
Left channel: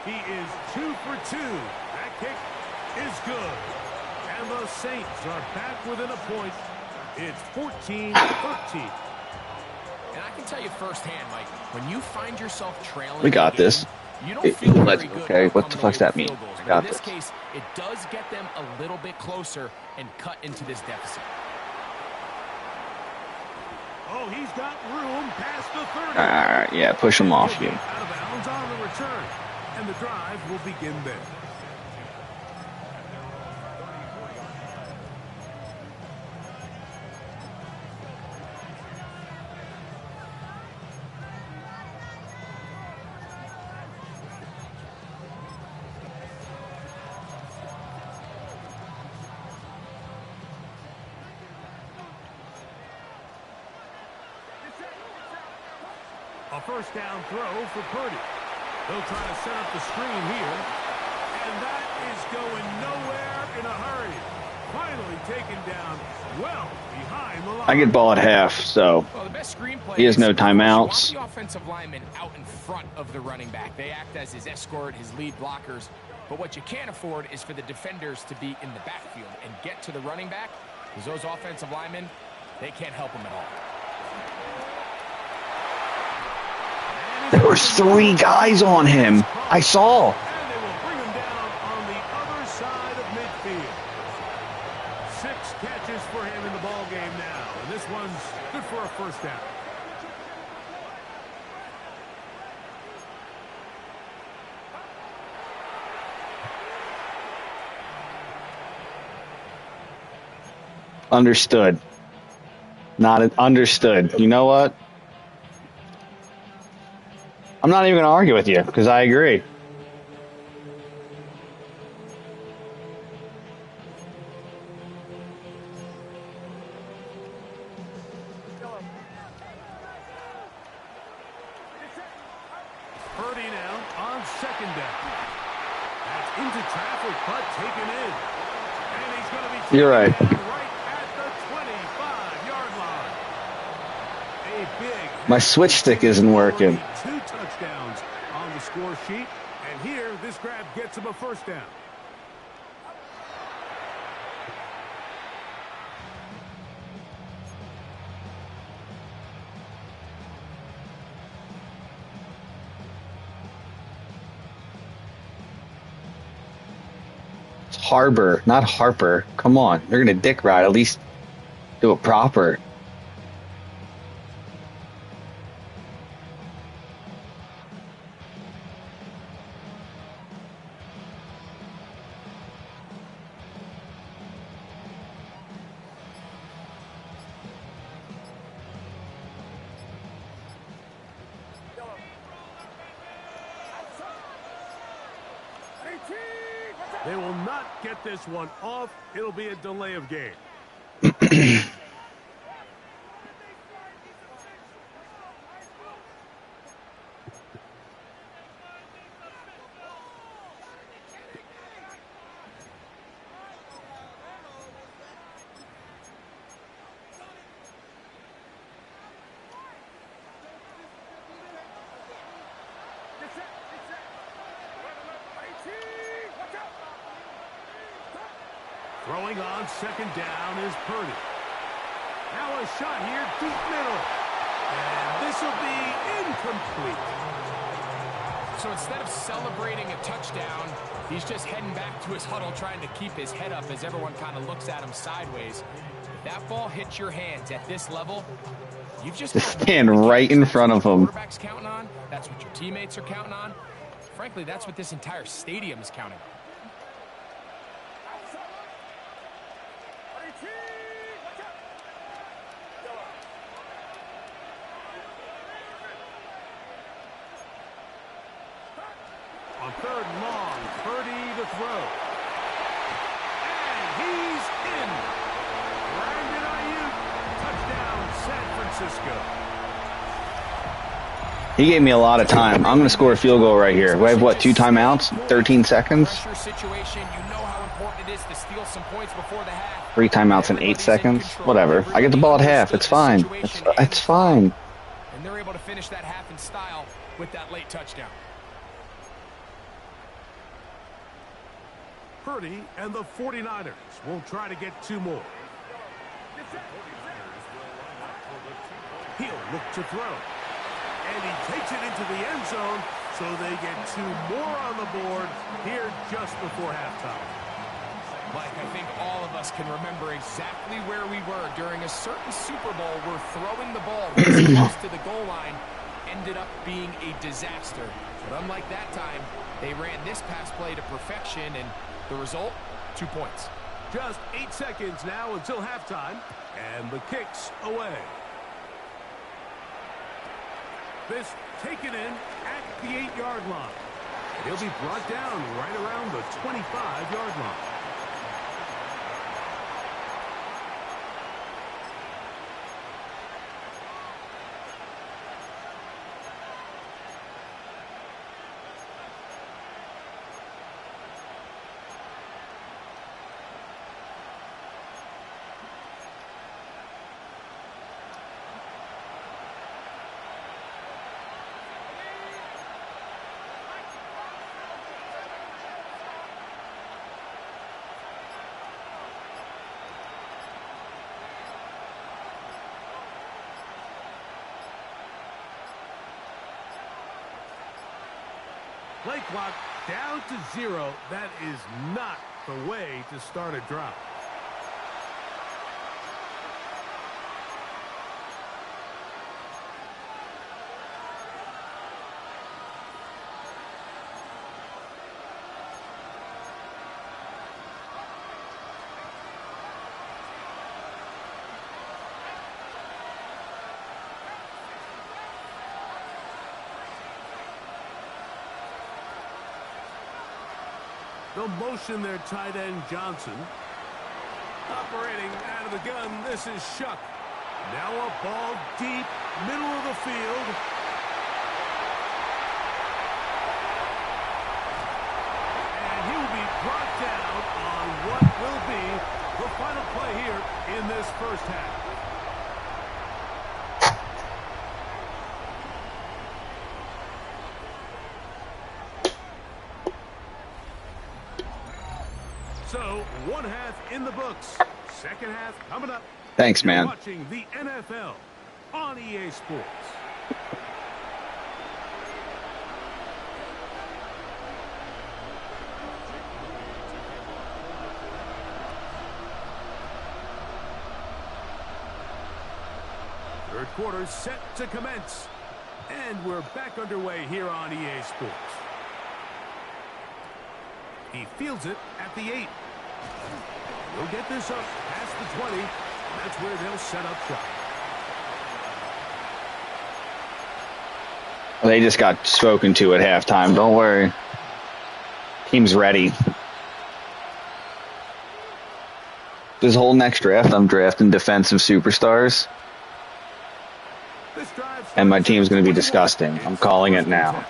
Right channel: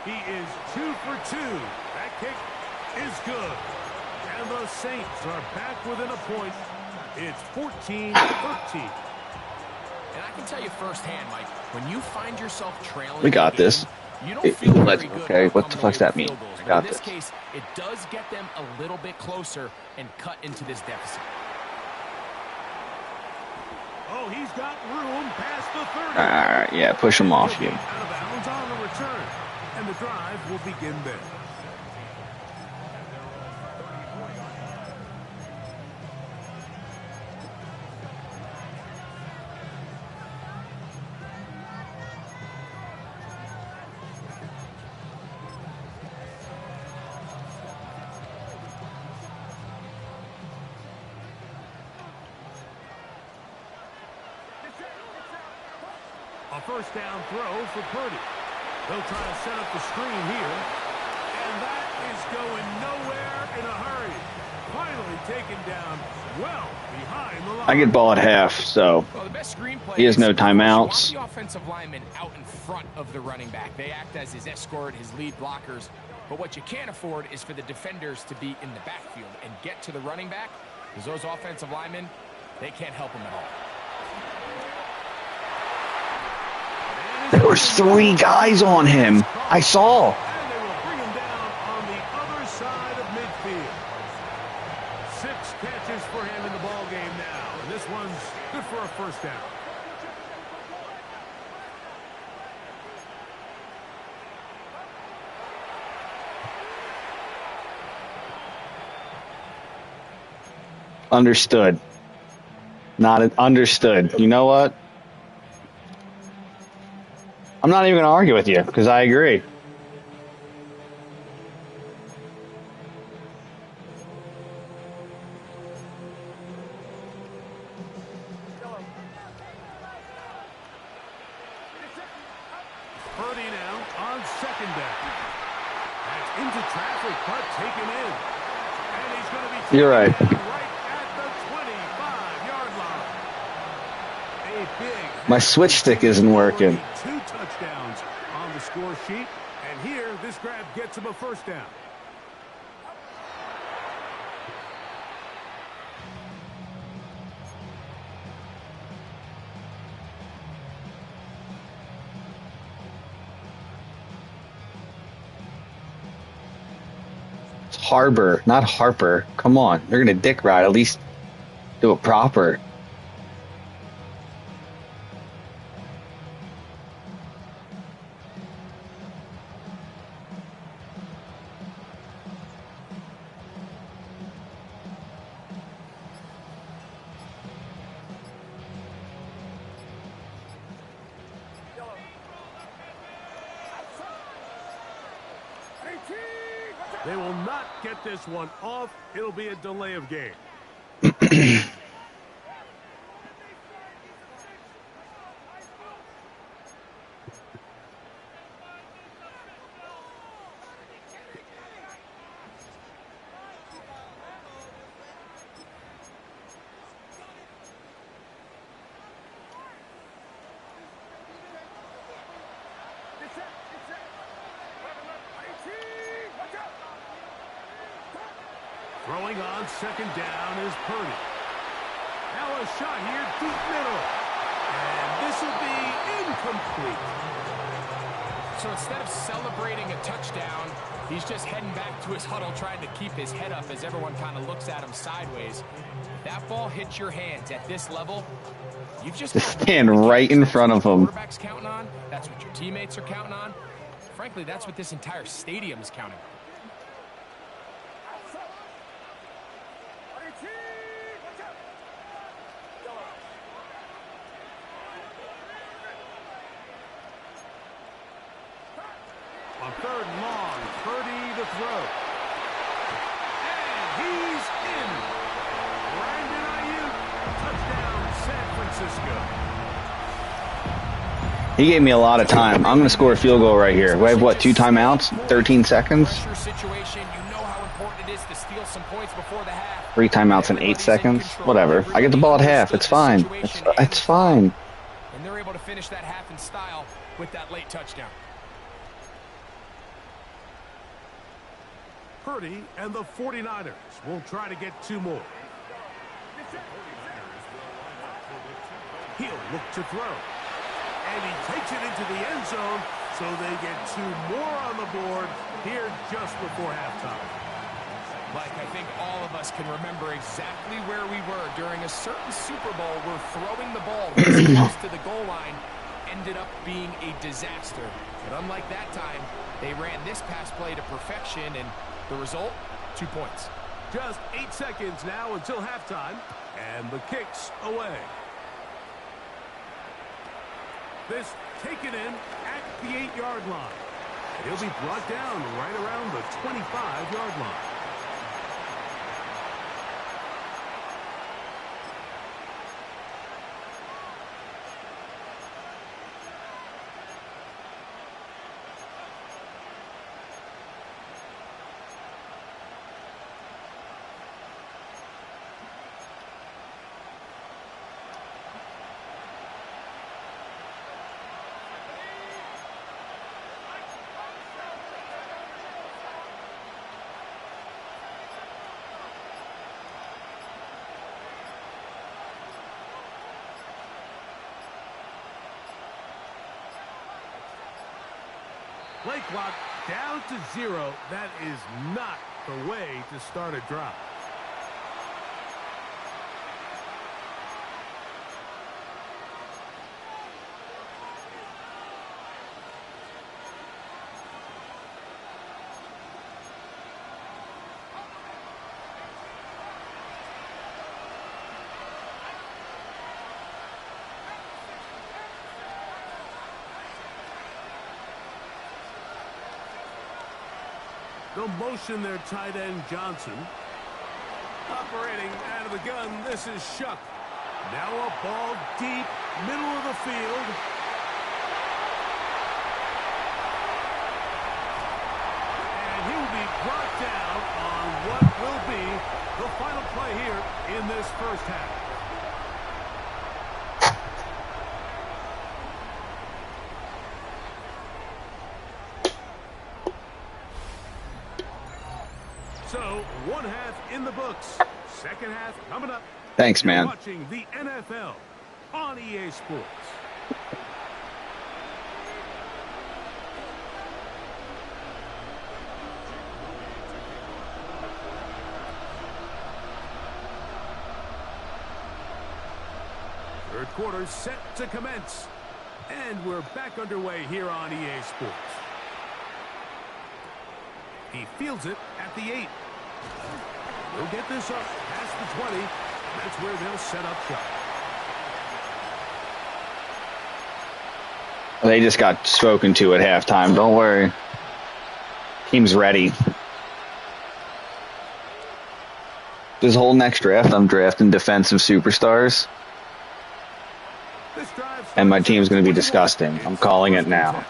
He is 2 for 2. That kick is good. And the Saints are back within a point. It's 14-13. And I can tell you firsthand, Mike, when you find yourself trailing, We got this. You don't feel very good. Okay, what the fuck's that mean? I got in this this. case, it does get them a little bit closer and cut into this deficit. Oh, he's got room past the 30. All right, yeah, push him off you. Out of bounds on the return, and the drive will begin there. A 1st down throw for Purdy. They'll try to set up the screen here. And that is going nowhere in a hurry. Finally taken down well behind the line. I get ball at half, so Well, the best screenplay he has no is timeouts. you want the offensive lineman out in front of the running back. They act as his escort, his lead blockers. But what you can't afford is for the defenders to be in the backfield and get to the running back, because those offensive linemen, they can't help him at all. There was 3 guys on him. I saw. And they will bring him down on the other side of midfield. 6 catches for him in the ball game now. And this one's good for a 1st down. Understood. Not understood. You know what? I'm not even going to argue with you because I agree. Purdy now on 2nd down. That's into traffic, but taken in. And he's going to be taken You're right. down right at the 25-yard line. A big... My switch stick isn't working. 2 touchdowns on the score sheet. And here, this grab gets him a 1st down. It's Harbor, not Harper. Come on. They're going to dick ride. At least do it proper. They will not get this one off. It'll be a delay of game. Throwing on 2nd down is Purdy. Now a shot here, deep middle. And this will be incomplete. So instead of celebrating a touchdown, he's just heading back to his huddle trying to keep his head up as everyone kind of looks at him sideways. If that ball hits your hands at this level, you've just stand right in front of him. Quarterback's counting on. That's what your teammates are counting on. Frankly, that's what this entire stadium is counting on. On 3rd and long, Purdy to throw. And he's in. Brandon Ayuk, touchdown San Francisco. He gave me a lot of time. I'm going to score a field goal right here. We have, what, 2 timeouts? 13 seconds? Situation, you know how important it is to steal some points before the half. 3 timeouts in 8 seconds? Whatever. I get the ball at half. It's fine. It's fine. And they're able to finish that half in style with that late touchdown. Purdy and the 49ers will try to get 2 more. He'll look to throw. And he takes it into the end zone, so they get 2 more on the board here just before halftime. Mike, I think all of us can remember exactly where we were during a certain Super Bowl where throwing the ball this close to the goal line ended up being a disaster. But unlike that time, they ran this pass play to perfection, and the result, 2 points. Just 8 seconds now until halftime, and the kick's away. This taken in at the 8-yard line. He'll be brought down right around the 25-yard line. Play clock down to 0. That is not the way to start a drive. They'll motion their tight end Johnson. Operating out of the gun, this is Shuck. Now a ball deep, middle of the field. And he will be brought down on what will be the final play here in this first half. So, 1 half in the books. Second half coming up. Thanks, man. You're watching the NFL on EA Sports. Third quarter set to commence. And we're back underway here on EA Sports. He fields it at the 8. They'll get this up past the 20. That's where they'll set up shop. They just got spoken to at halftime. Don't worry. Team's ready. This whole next draft, I'm drafting defensive superstars. And my team's going to be disgusting. I'm calling it now.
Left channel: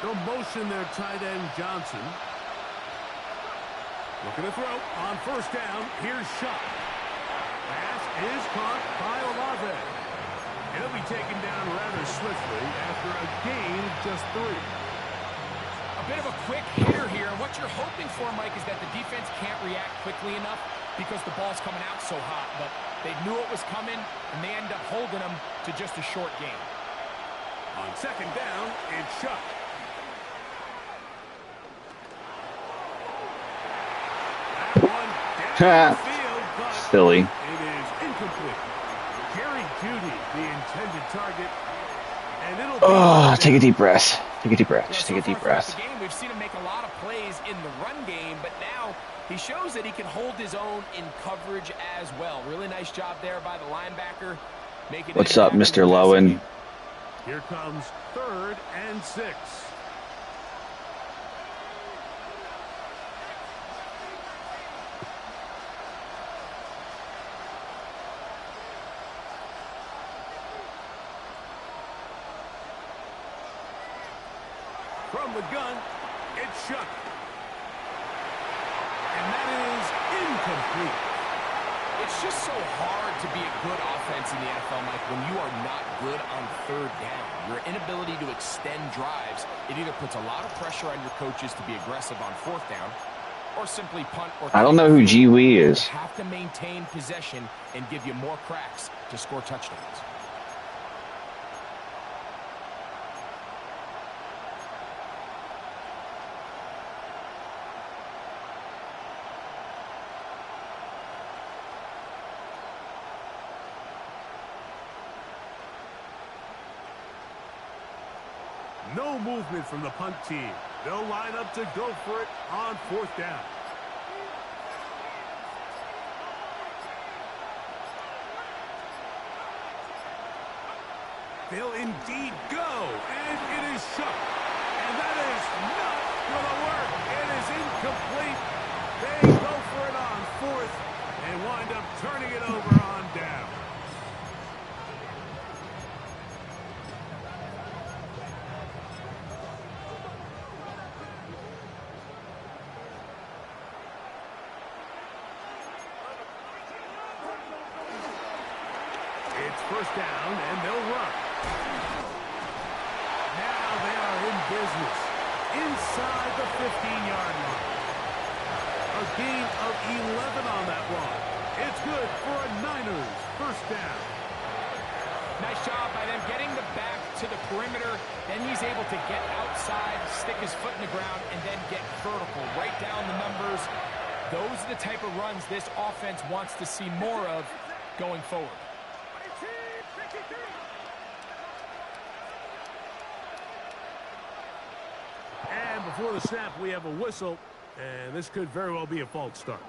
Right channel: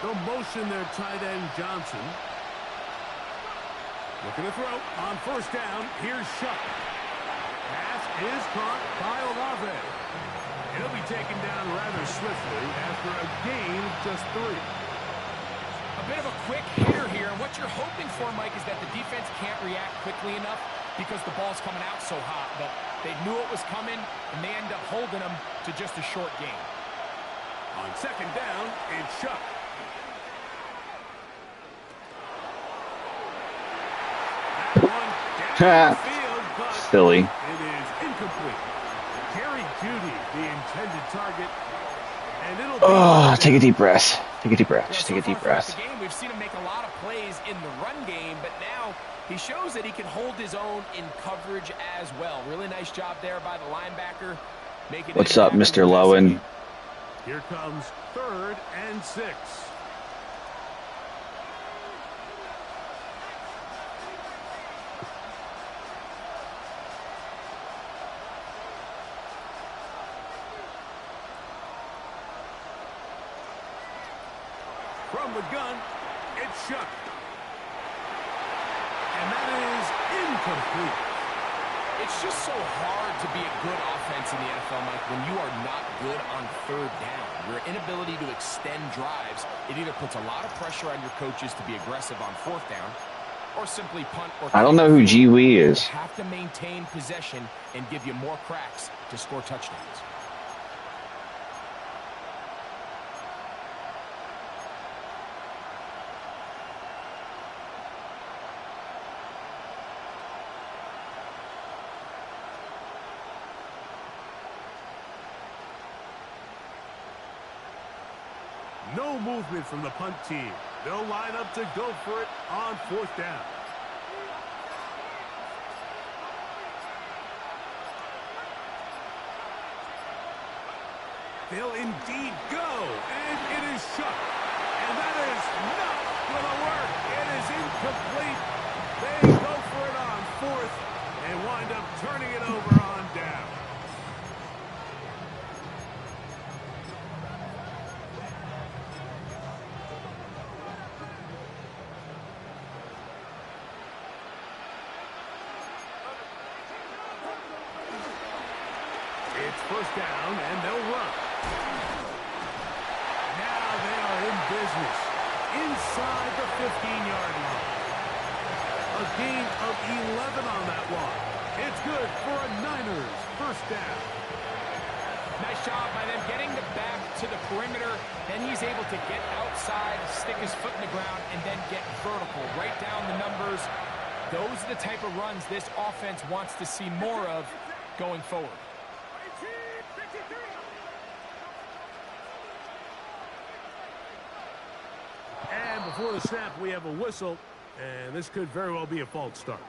They'll motion their tight end Johnson. Looking to throw on first down. Here's Shuck. Pass is caught by Olave. He'll be taken down rather swiftly after a gain of just 3. A bit of a quick hitter here. And what you're hoping for, Mike, is that the defense can't react quickly enough because the ball's coming out so hot. But they knew it was coming, and they end up holding them to just a short gain. On second down, it's Shuck. That one down the field, but Silly. it is incomplete. Jerry Jeudy, the intended target. And it'll Oh, take a deep breath. Take a deep breath. Yeah, Just so take a far deep throughout breath. the game, we've seen him make a lot of plays in the run game, but now he shows that he can hold his own in coverage as well. Really nice job there by the linebacker. Making What's up, impact Mr. in the passing Lowen? game. Here comes 3rd and 6. From the gun, it's Shuck. And that is incomplete. It's just so hard to be a good offense in the NFL, Mike, when you are not good on 3rd down. Your inability to extend drives, it either puts a lot of pressure on your coaches to be aggressive on 4th down, or simply punt or I don't know who G Wee is. They have to maintain possession and give you more cracks to score touchdowns. No movement from the punt team. They'll line up to go for it on 4th down. They'll indeed go, and it is Shuck. And that is not going to work. It is incomplete. They go for it on 4th and wind up turning it over on down. It's 1st down, and they'll run. Now they are in business inside the 15-yard line. A gain of 11 on that one. It's good for a Niners 1st down. Nice job by them getting the back to the perimeter. Then he's able to get outside, stick his foot in the ground, and then get vertical. Right down the numbers. Those are the type of runs this offense wants to see more of going forward. And before the snap, we have a whistle, and this could very well be a false start.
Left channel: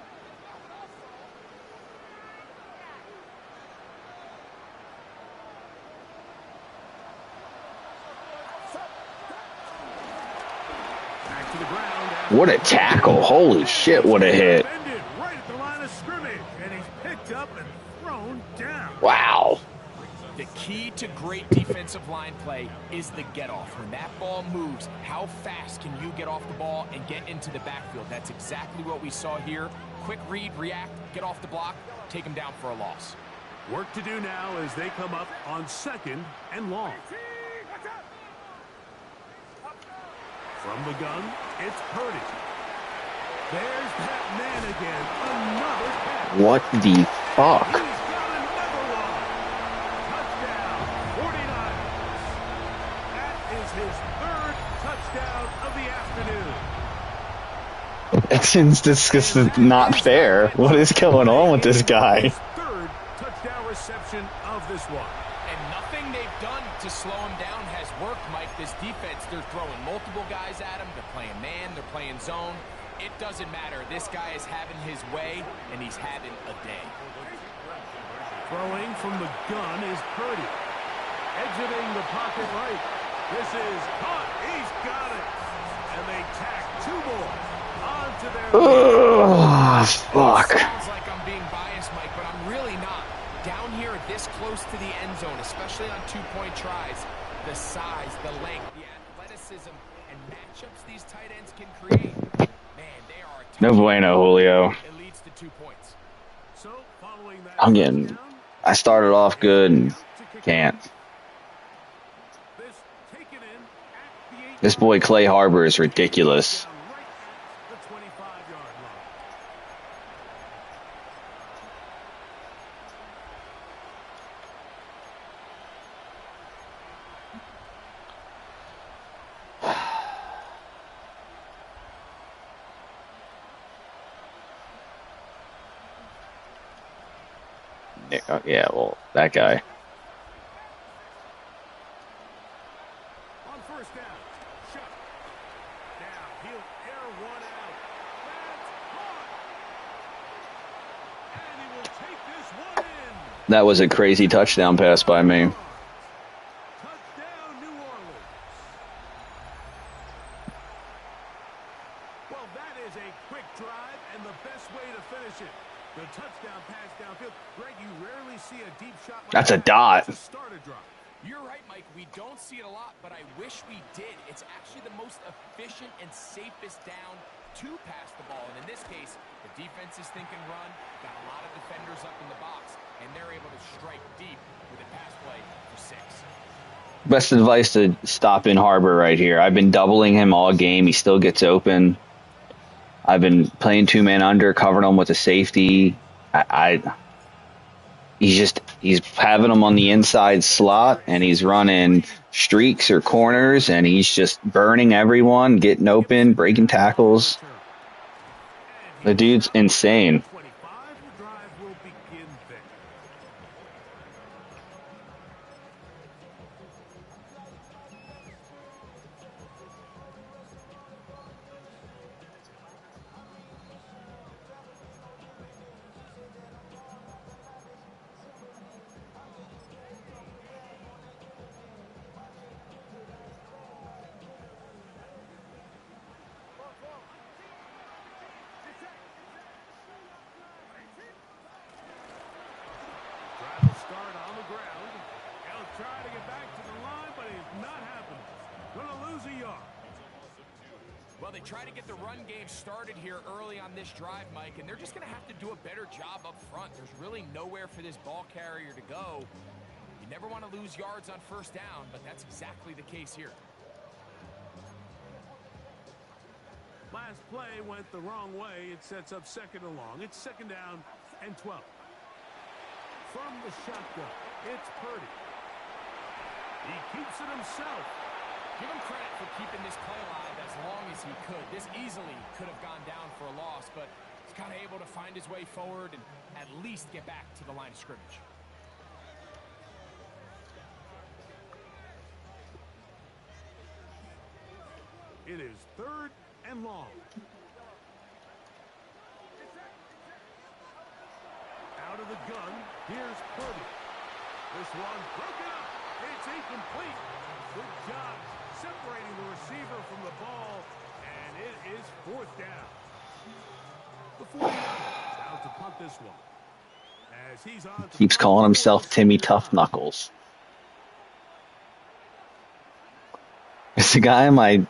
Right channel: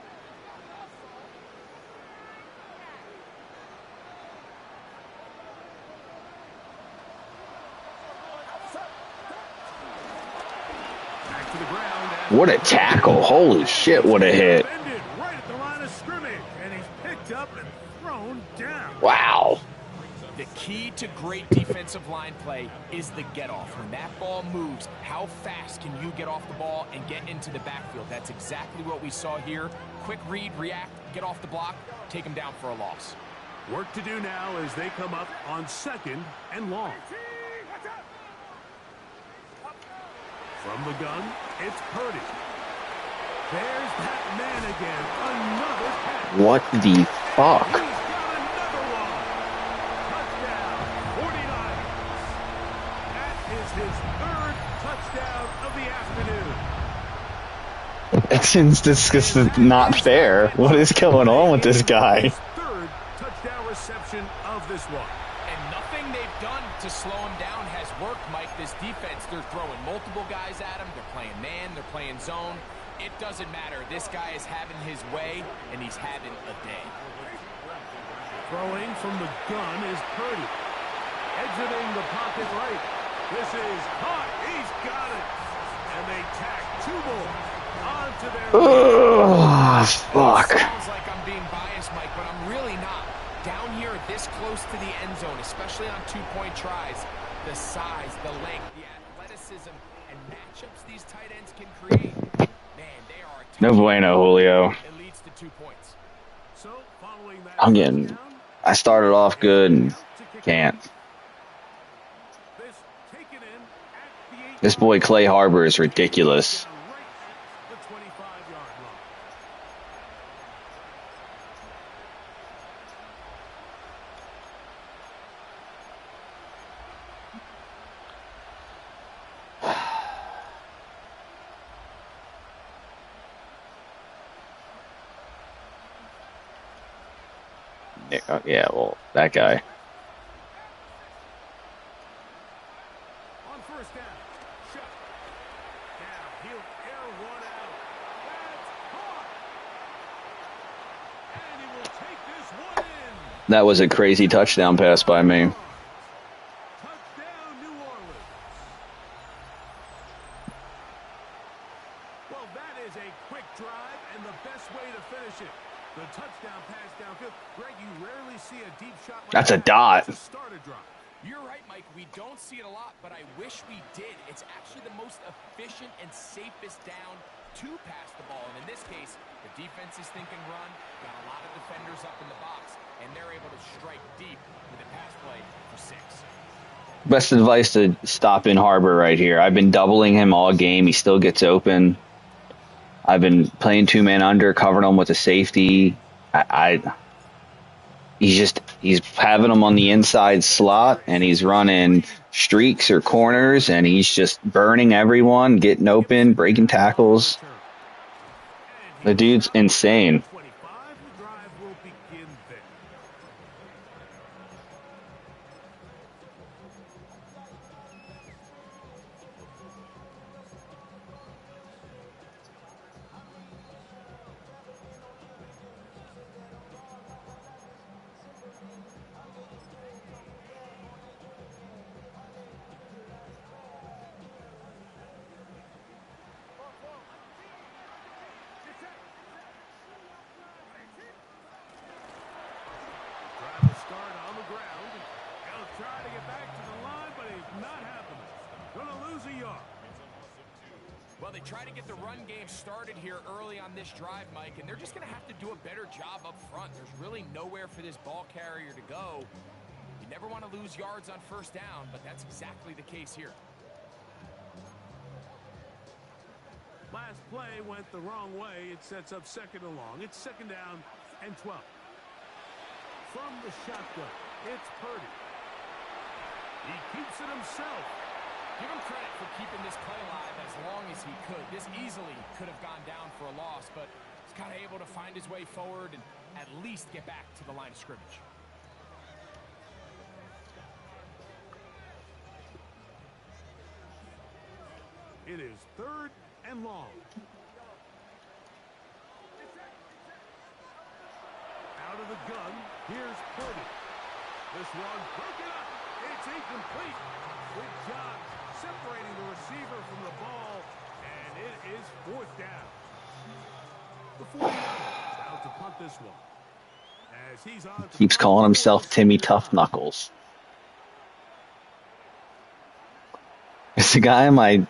Back to the ground. What a tackle. Holy shit, what a hit. Defended right at the line of scrimmage, and he's picked up and thrown down. Wow. The key to great defensive line play is the get-off. When that ball moves, how fast can you get off the ball and get into the backfield? That's exactly what we saw here. Quick read, react, get off the block, take him down for a loss. Work to do now as they come up on 2nd and long. From the gun, it's Purdy. There's that man again. Another catch. What the fuck? He's got another one. Touchdown, 49ers. That is his 3rd touchdown of the afternoon. It seems this is not fair. What is going on with this guy? His 3rd touchdown reception of this one. And nothing they've done to slow him down has worked, Mike. This defense, they're throwing multiple guys at him. They're playing man. They're playing zone. It doesn't matter. This guy is having his way, and he's having a day. Throwing from the gun is Purdy. Exiting the pocket right. This is caught. He's got it. And they tack 2 more onto their Oh, fuck. Sounds like I'm being biased, Mike, but I'm really not. Down here this close to the end zone, especially on 2-point tries, the size, the length, the athleticism, and matchups these tight ends can create, man, they are a tough. No bueno, Julio. It leads to 2 points. So, following that I'm getting... touchdown, I started off good and can't. this taken in at the 8 This boy Clay Harbor is ridiculous. down right at the 25-yard line. Yeah, well, that guy. On first down, Shuck. Now he'll air one out. That's caught. And he will take this one in. That was a crazy touchdown pass by me. Touchdown, New Orleans. Well, that is a quick drive and the best way to finish it. The touchdown pass downfield. Greg, you rarely see a deep shot like That's a that dot. to start a drive. You're right, Mike. We don't see it a lot, but I wish we did. It's actually the most efficient and safest down to pass the ball. And in this case, the defense is thinking run, got a lot of defenders up in the box, and they're able to strike deep with a pass play for 6. Best advice to stop in Harbor right here. I've been doubling him all game. He still gets open. I've been playing 2-man under, covering him with a safety. He's having him on the inside slot, and he's running streaks or corners, and he's just burning everyone, getting open, breaking tackles. The dude's insane. 25, the drive will begin there. Drive will start on the ground. He'll try to get back to the line, but it's not happening. Gonna lose a yard. Well, they try to get the run game started here early on this drive, Mike, and they're just going to have to do a better job up front. There's really nowhere for this ball carrier to go. You never want to lose yards on first down, but that's exactly the case here. Last play went the wrong way. It sets up second and long. It's second down and 12. From the shotgun, it's Purdy. He keeps it himself. Give him credit for keeping this play alive as long as he could. This easily could have gone down for a loss, but he's kind of able to find his way forward and at least get back to the line of scrimmage. It is third and long. Out of the gun, here's Purdy. This one broken up. It's incomplete. Good job separating the receiver from the ball, and it is fourth down. The 49ers out to punt this one. As he's on to Keeps punt calling himself for Timmy second Tough down. Knuckles. It's the guy in my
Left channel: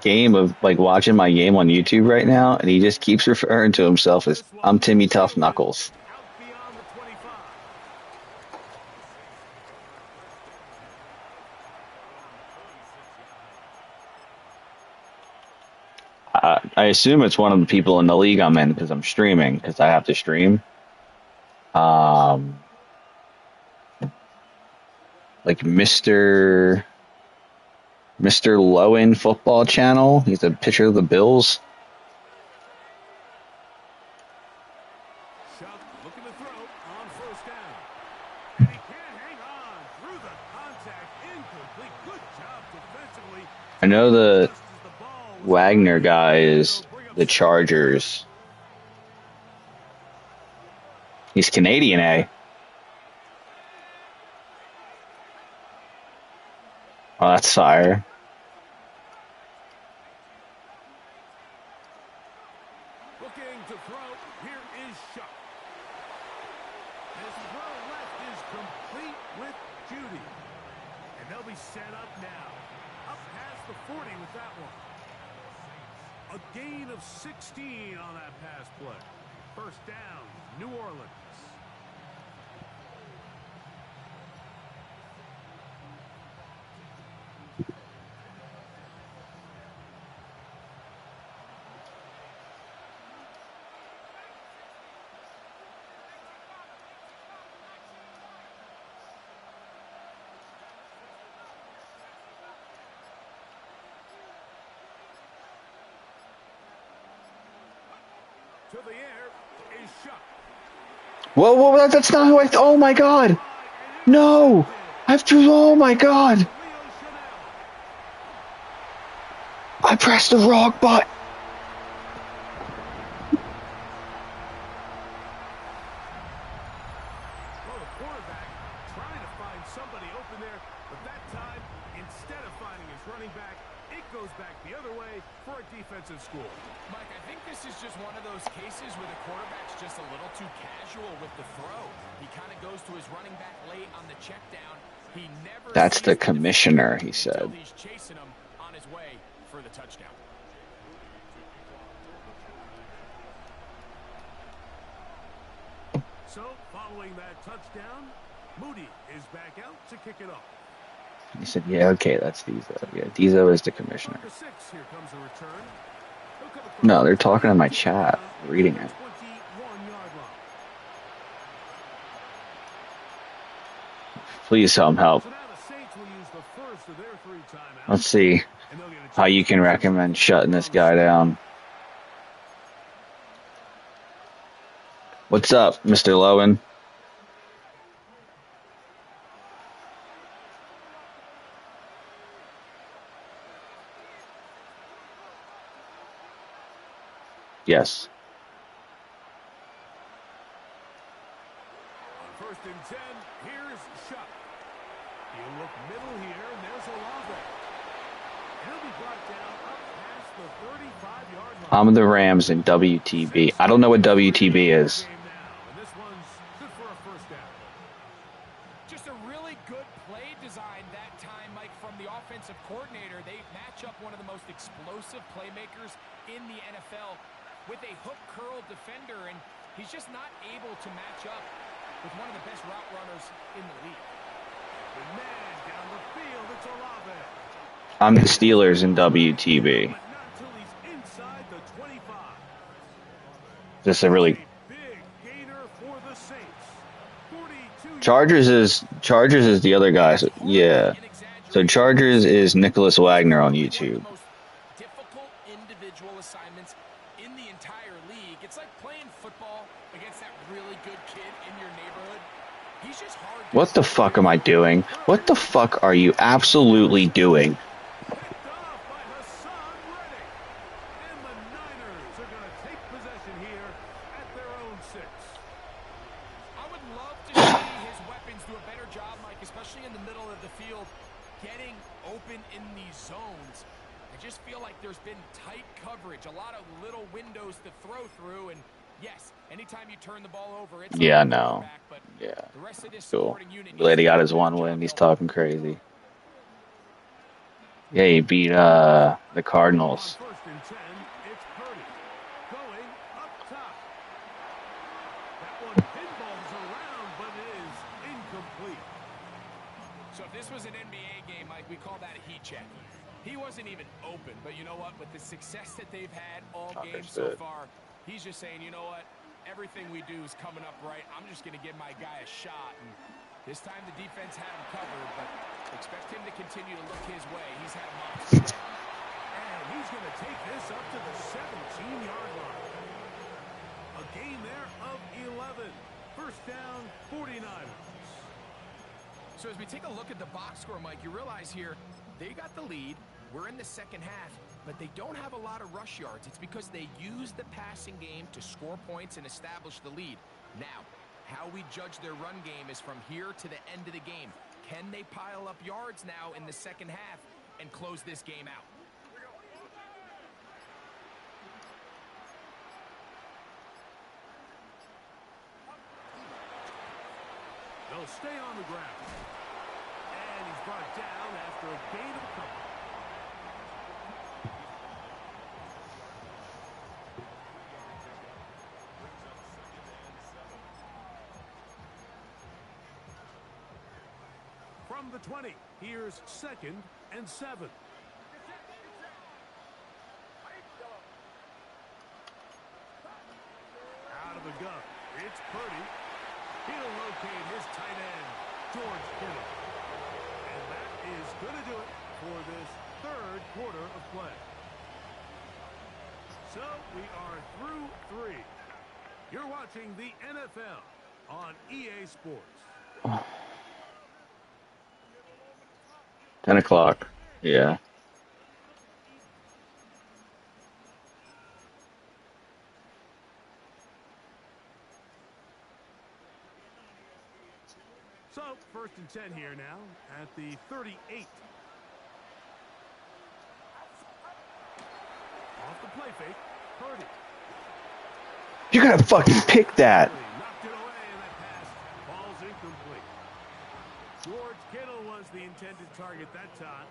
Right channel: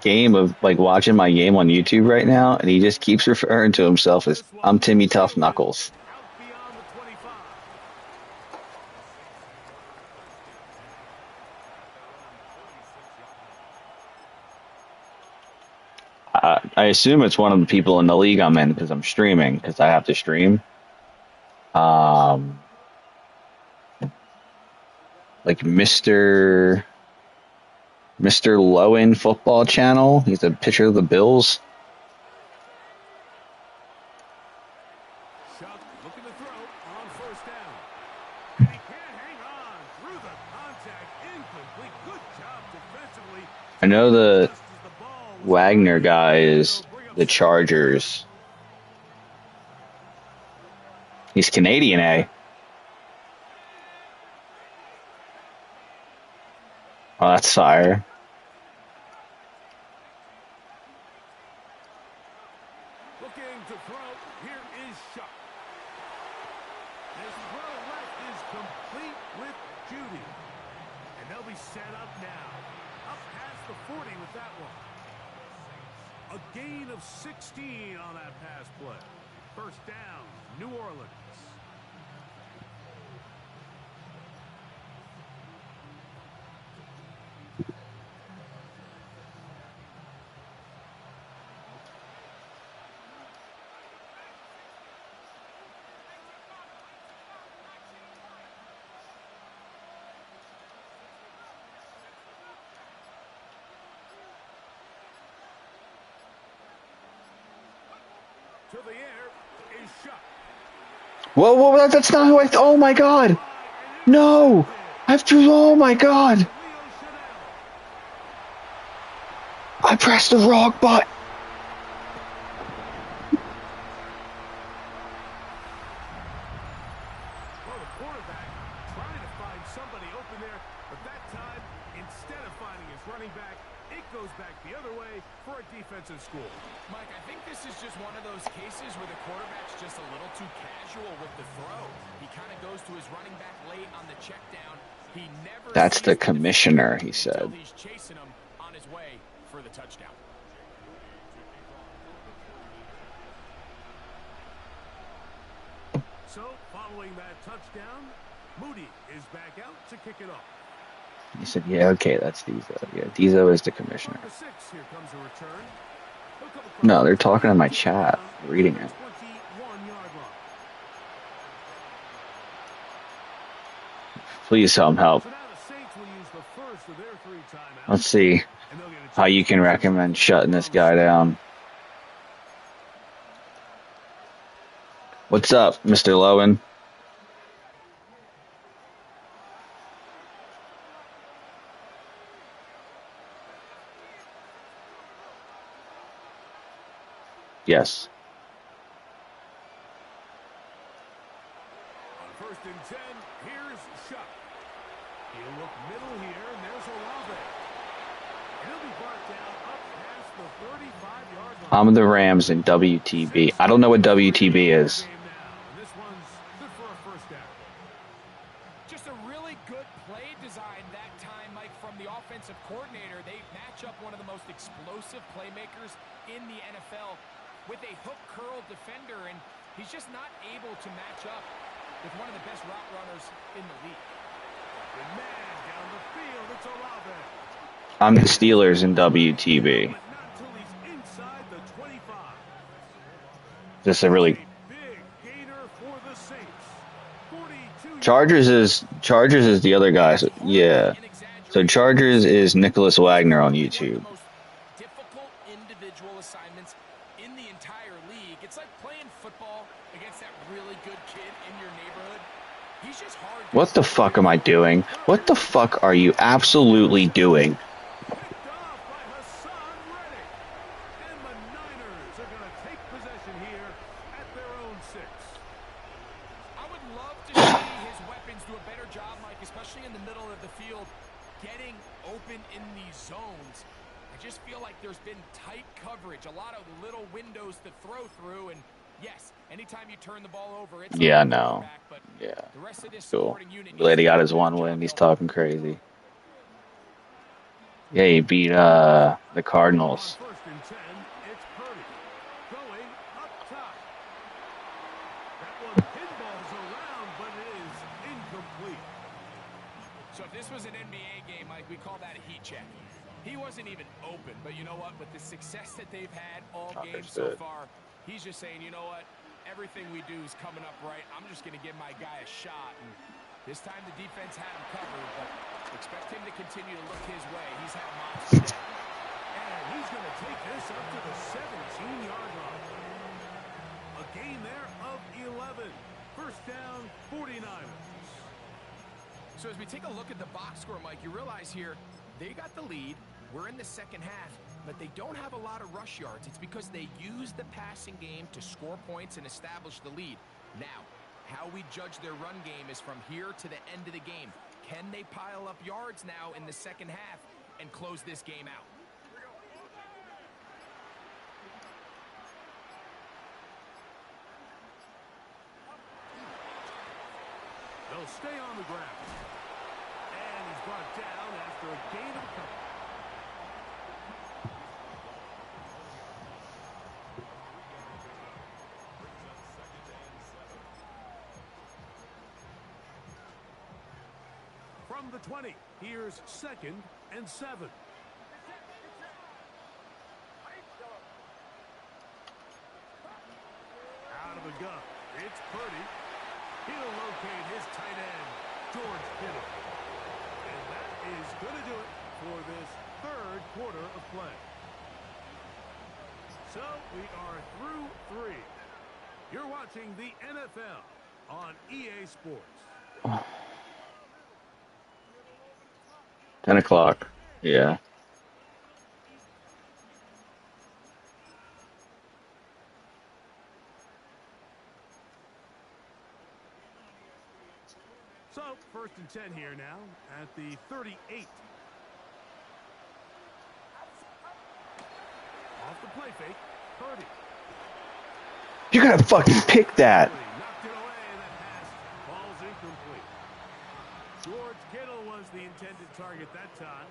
game of watching my game on YouTube right now, and he just keeps referring to himself as I'm Timmy Tough Knuckles. Out beyond the 25. I assume it's one of the people in the league I'm in because I'm streaming, because I have to stream. Like Mr. Lowen Football Channel. He's a pitcher of the Bills. Shuck looking to throw on first down. And he can't hang on through the contact. Incomplete. Good job defensively. I know the Just as the ball was Wagner running, guy is they'll bring up the Chargers. He's Canadian, eh? Oh, that's fire. looking to throw. Here is Shuck. This throw left is complete with Judy. And they'll be set up now. Up past the 40 with that one. A gain of 16 on that pass play. First down, New Orleans. To the air is Shuck. Whoa, whoa, that's not who I. Oh my God! No, I've threw. Oh my God! I pressed the wrong button. Well, the quarterback trying to find somebody open there, but that time, instead of finding his running back, it goes back the other way for a defensive score. Mike, I think this is just one of those cases where the quarterback's just a little too casual with the throw. He kind of goes to his running back late on the check down. He never That's the sees commissioner, he until said. he's chasing him on his way for the touchdown. So, following that touchdown, Moody is back out to kick it off. He said, yeah, okay, that's Dizo. Yeah, Dizo is the commissioner. From the 6, here comes a return. He'll come across No, they're talking in my chat, reading it. 21-yard line. Please some help. So now the Saints will use the first of their 3 timeouts. Let's see And they'll get a how you can recommend shutting this guy down. What's up, Mr. Lowen? Yes. On 1st and 10, here's Shuck. He'll look middle here, and there's Olave. And he'll be brought down up past the 35-yard line. I'm the Rams in WTB. I don't know what WTB is. And this one's good for a first down. Just a really good play design that time, Mike, from the offensive coordinator. They match up one of the most explosive playmakers in the NFL with a hook curl defender, and he's just not able to match up with one of the best route runners in the league. The man down the field, it's Olave. I'm the Steelers in WTB. But not until he's inside the 25. Just a really Big gainer for the Saints. 42 Chargers is the other guy. So, yeah. So Chargers is Nicholas Wagner on YouTube. One of the most difficult individual assignments in the entire league. It's like playing football against that really good kid in your neighborhood. He's just hard. What the fuck am I doing? What the fuck are you absolutely doing? picked off by Hassan Reddick. And the Niners are going to take possession here at their own 6. I would love to see his weapons do a better job, Mike, especially in the middle of the field, getting open in these zones. I just feel like there's been tight coverage, a lot of little windows to throw through, and yes, anytime you turn the ball over, it's Yeah, on the no. quarterback, but Yeah. the rest of this Cool. supporting unit The lady needs to got do his a one better win. job He's going. talking crazy. Yeah, he beat the Cardinals. On 1st and 10, it's Purdy. Going up top. That one pinballs around, but it is incomplete. So if this was an NBA game, Mike, we call that a heat check. He wasn't even open, but you know what? With the success that they've had all game so Understood. far, he's just saying, you know what? Everything we do is coming up right. I'm just going to give my guy a shot. And this time the defense had him covered, but expect him to continue to look his way. He's had a monster day. And he's going to take this up to the 17-yard line. A gain there of 11. First down, 49ers. So as we take a look at the box score, Mike, you realize here they got the lead. We're in the second half, but they don't have a lot of rush yards. It's because they use the passing game to score points and establish the lead. Now, how we judge their run game is from here to the end of the game. Can they pile up yards now in the second half and close this game out? They'll stay on the ground. And he's brought down after a gain of a couple. From the 20, here's 2nd and 7. Out of the gun, it's Purdy. He'll locate his tight end, George Kittle. And that is going to do it for this third quarter of play. So we are through 3. You're watching the NFL on EA Sports. 10 o'clock. Yeah. So, 1st and 10 here now at the 38. Off the play fake, Purdy. You're going to fucking pick that. Knocked it away, and that pass falls incomplete. George Kittle was the intended target that time.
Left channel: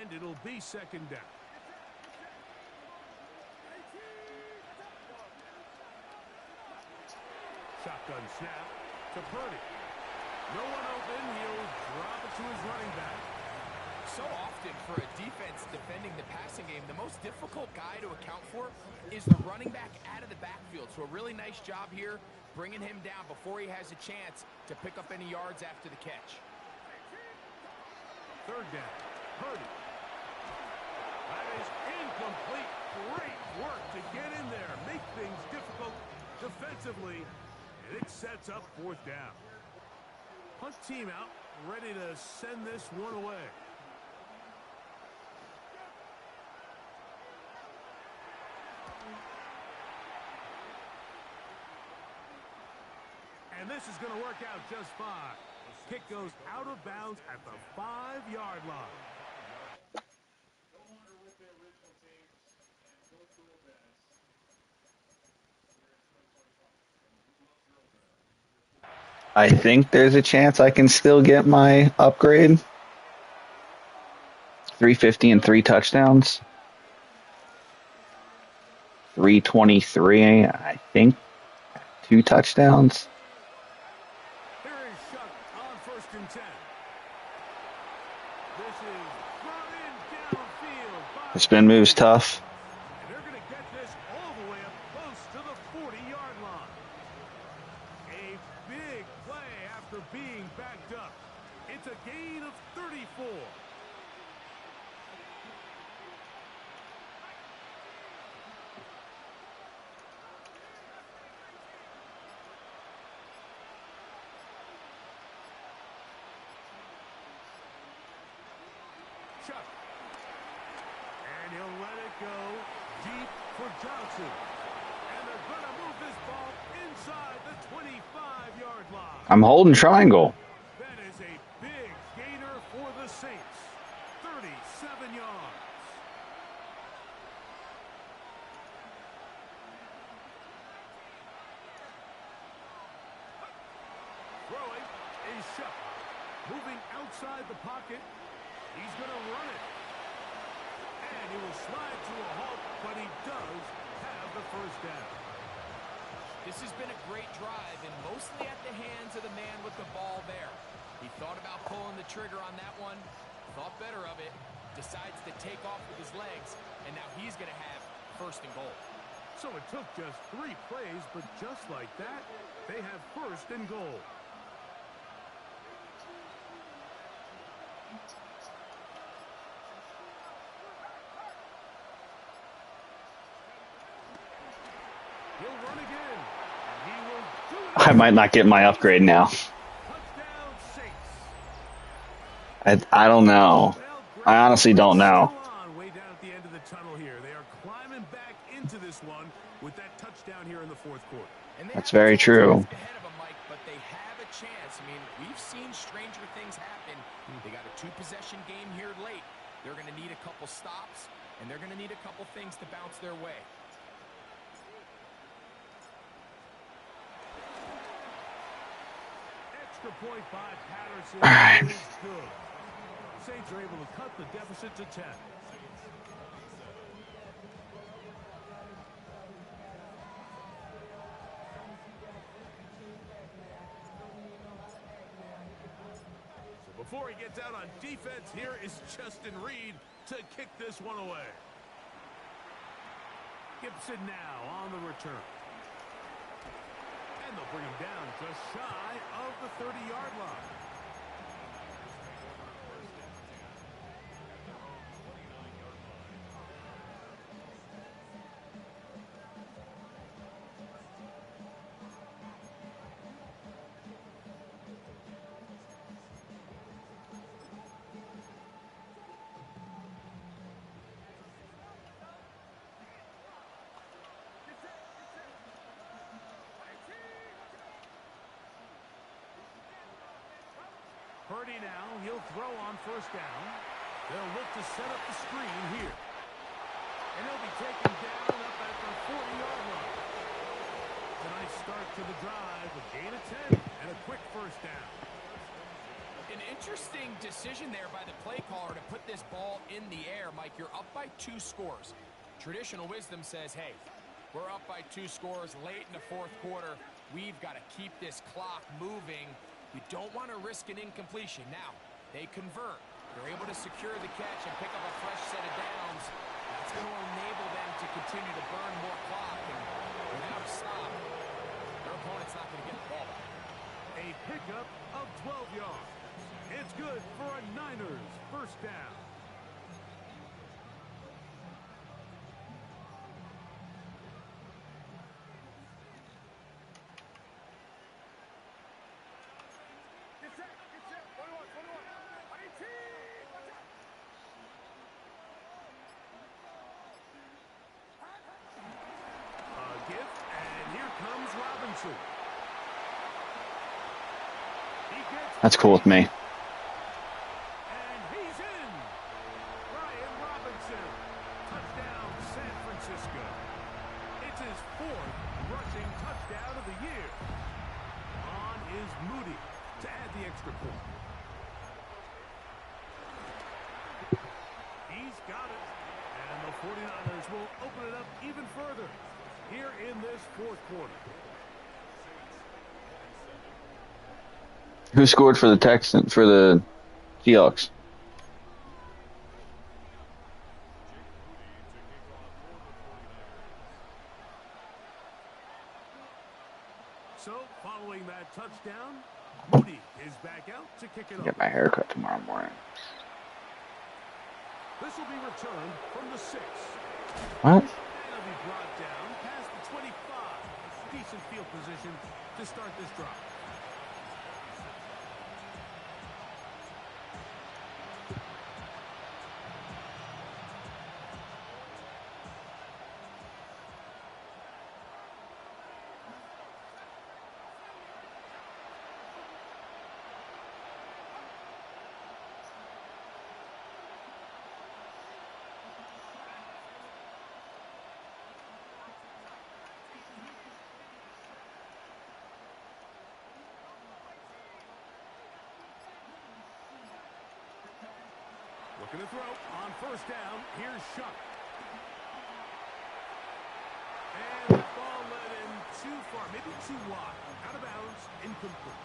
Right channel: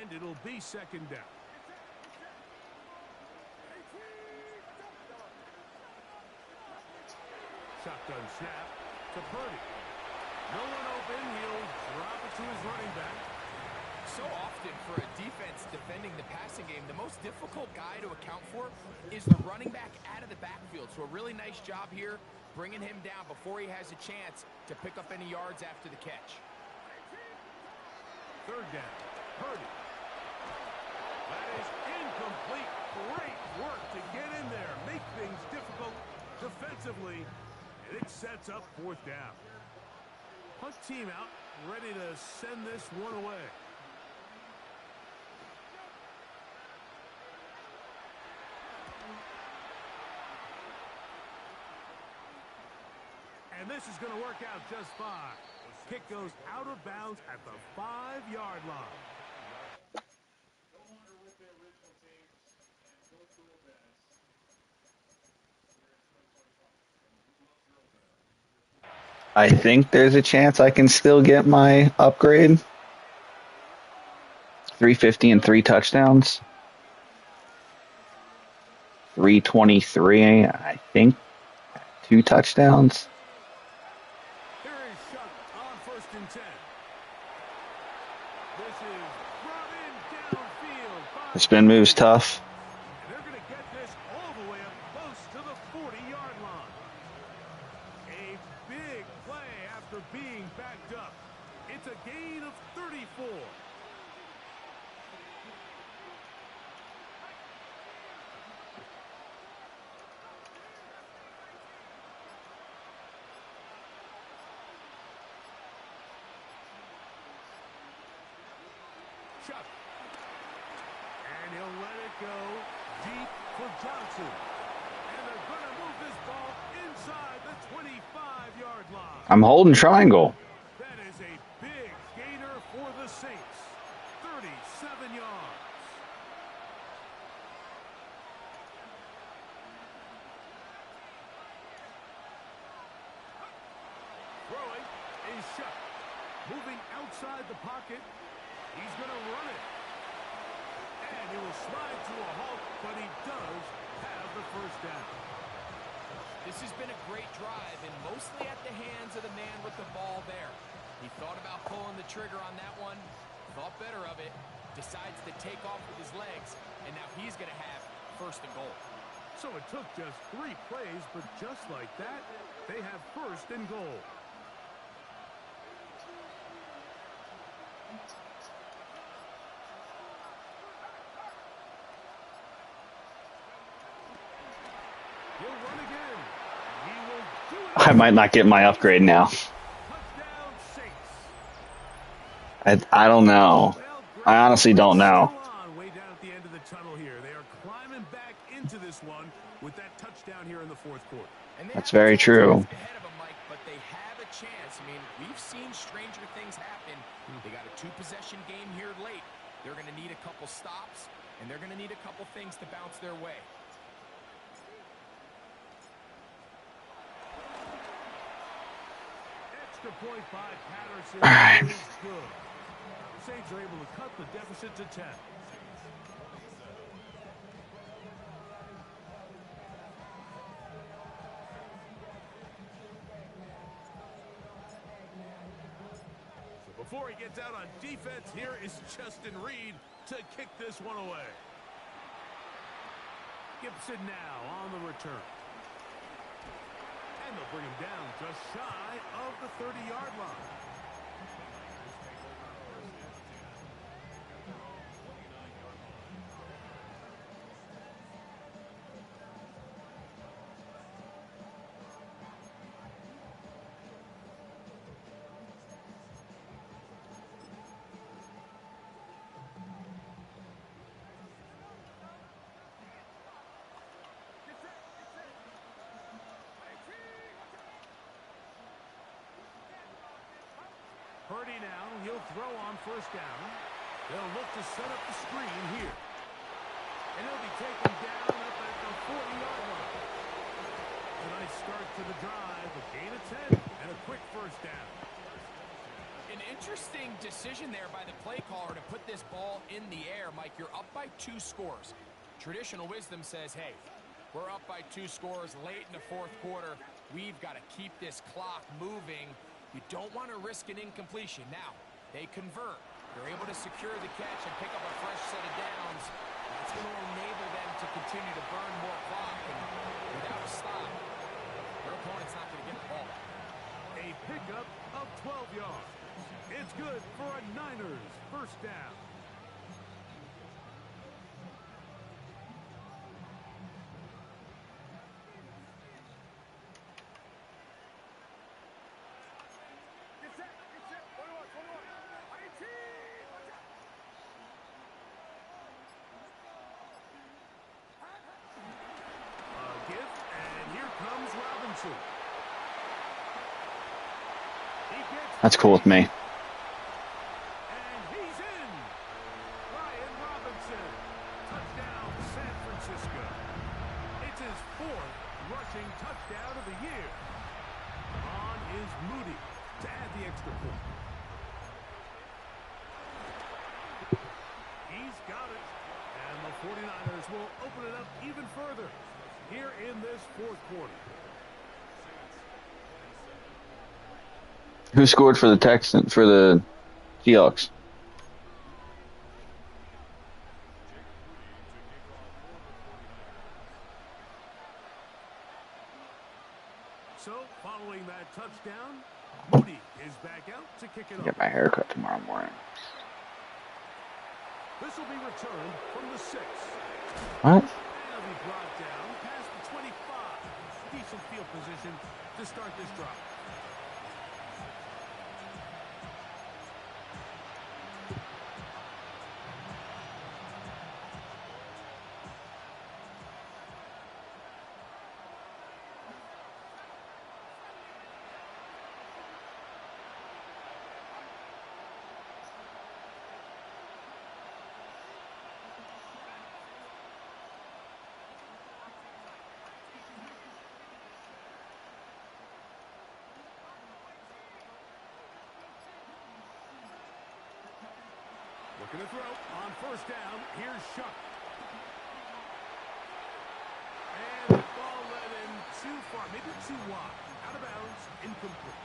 And it'll be 2nd down. Shotgun snap to Purdy. No one open. He'll drop it to his running back. So often for a defense defending the passing game, the most difficult guy to account for is the running back out of the backfield. So a really nice job here bringing him down before he has a chance to pick up any yards after the catch. 3rd down. Purdy. That is incomplete. Great work to get in there. Make things difficult defensively. And it sets up 4th down. Hunt team out, ready to send this one away. And this is going to work out just fine. Kick goes out of bounds at the 5-yard line. I think there's a chance I can still get my upgrade. 350 and 3 touchdowns. 323, I think. 2 touchdowns. Here is Shuck on 1st and 10. This is brought in downfield by The spin move's tough. and they're going to get this all the way up close to the 40-yard line. A big play after being backed up. It's a gain of 34. Chuck. And he'll let it go deep for Johnson. And they're going to move this ball inside the 25-yard line. I'm holding triangle. That is a big gainer for the Saints. 37 yards. Throwing is Shuck. Moving outside the pocket. He's going to run it. And he will slide to a halt, but he does have the 1st down. This has been a great drive, and mostly at the hands of the man with the ball there. He thought about pulling the trigger on that one, thought better of it, decides to take off with his legs, and now he's going to have 1st and goal. So it took just 3 plays, but just like that, they have 1st and goal. He'll run again, and he will do it. I might not get my upgrade now. Touchdown, Saints. I don't know. I honestly don't know. Still on way down at the end of the tunnel here. They are climbing back into this one with that touchdown here in the 4th quarter. And they That's have a very chance true. ahead of them, Mike, but they have a chance. I mean, we've seen stranger things happen. They got a 2-possession game here late. They're going to need a couple stops, and they're going to need a couple things to bounce their way. Extra point by Patterson All right. is good. Saints are able to cut the deficit to 10. So before he gets out on defense, here is Justin Reed to kick this one away. Gibson now on the return. And they'll bring him down just shy of the 30-yard line. Purdy now, he'll throw on first down. They'll look to set up the screen here. And he'll be taken down up at the 40-yard line. A nice start to the drive, a gain of 10, and a quick first down. An interesting decision there by the play caller to put this ball in the air. Mike, you're up by 2 scores. Traditional wisdom says, hey, we're up by 2 scores late in the fourth quarter. We've got to keep this clock moving. You don't want to risk an incompletion. Now, they convert. They're able to secure the catch and pick up a fresh set of downs. That's going to enable them to continue to burn more clock. And without a stop, their opponent's not going to get the ball back. A pickup of 12 yards. It's good for a Niners first down. A gift, and here comes Robinson. That's cool with me. And he's in. Brian Robinson. Touchdown, San Francisco. It's his 4th rushing touchdown of the year. On is Moody to add the extra point. He's got it. And the 49ers will open it up even further here in this fourth quarter. Who scored for the Texans, for the Seahawks? So, following that touchdown, Moody is back out to kick it off. Get my haircut tomorrow morning. This will be returned from the 6. What? And it'll be brought down past the 25. Decent field position to start this drive. Looking to throw on first down. Here's Shuck. And the ball led in too far, maybe too wide. Out of bounds, incomplete.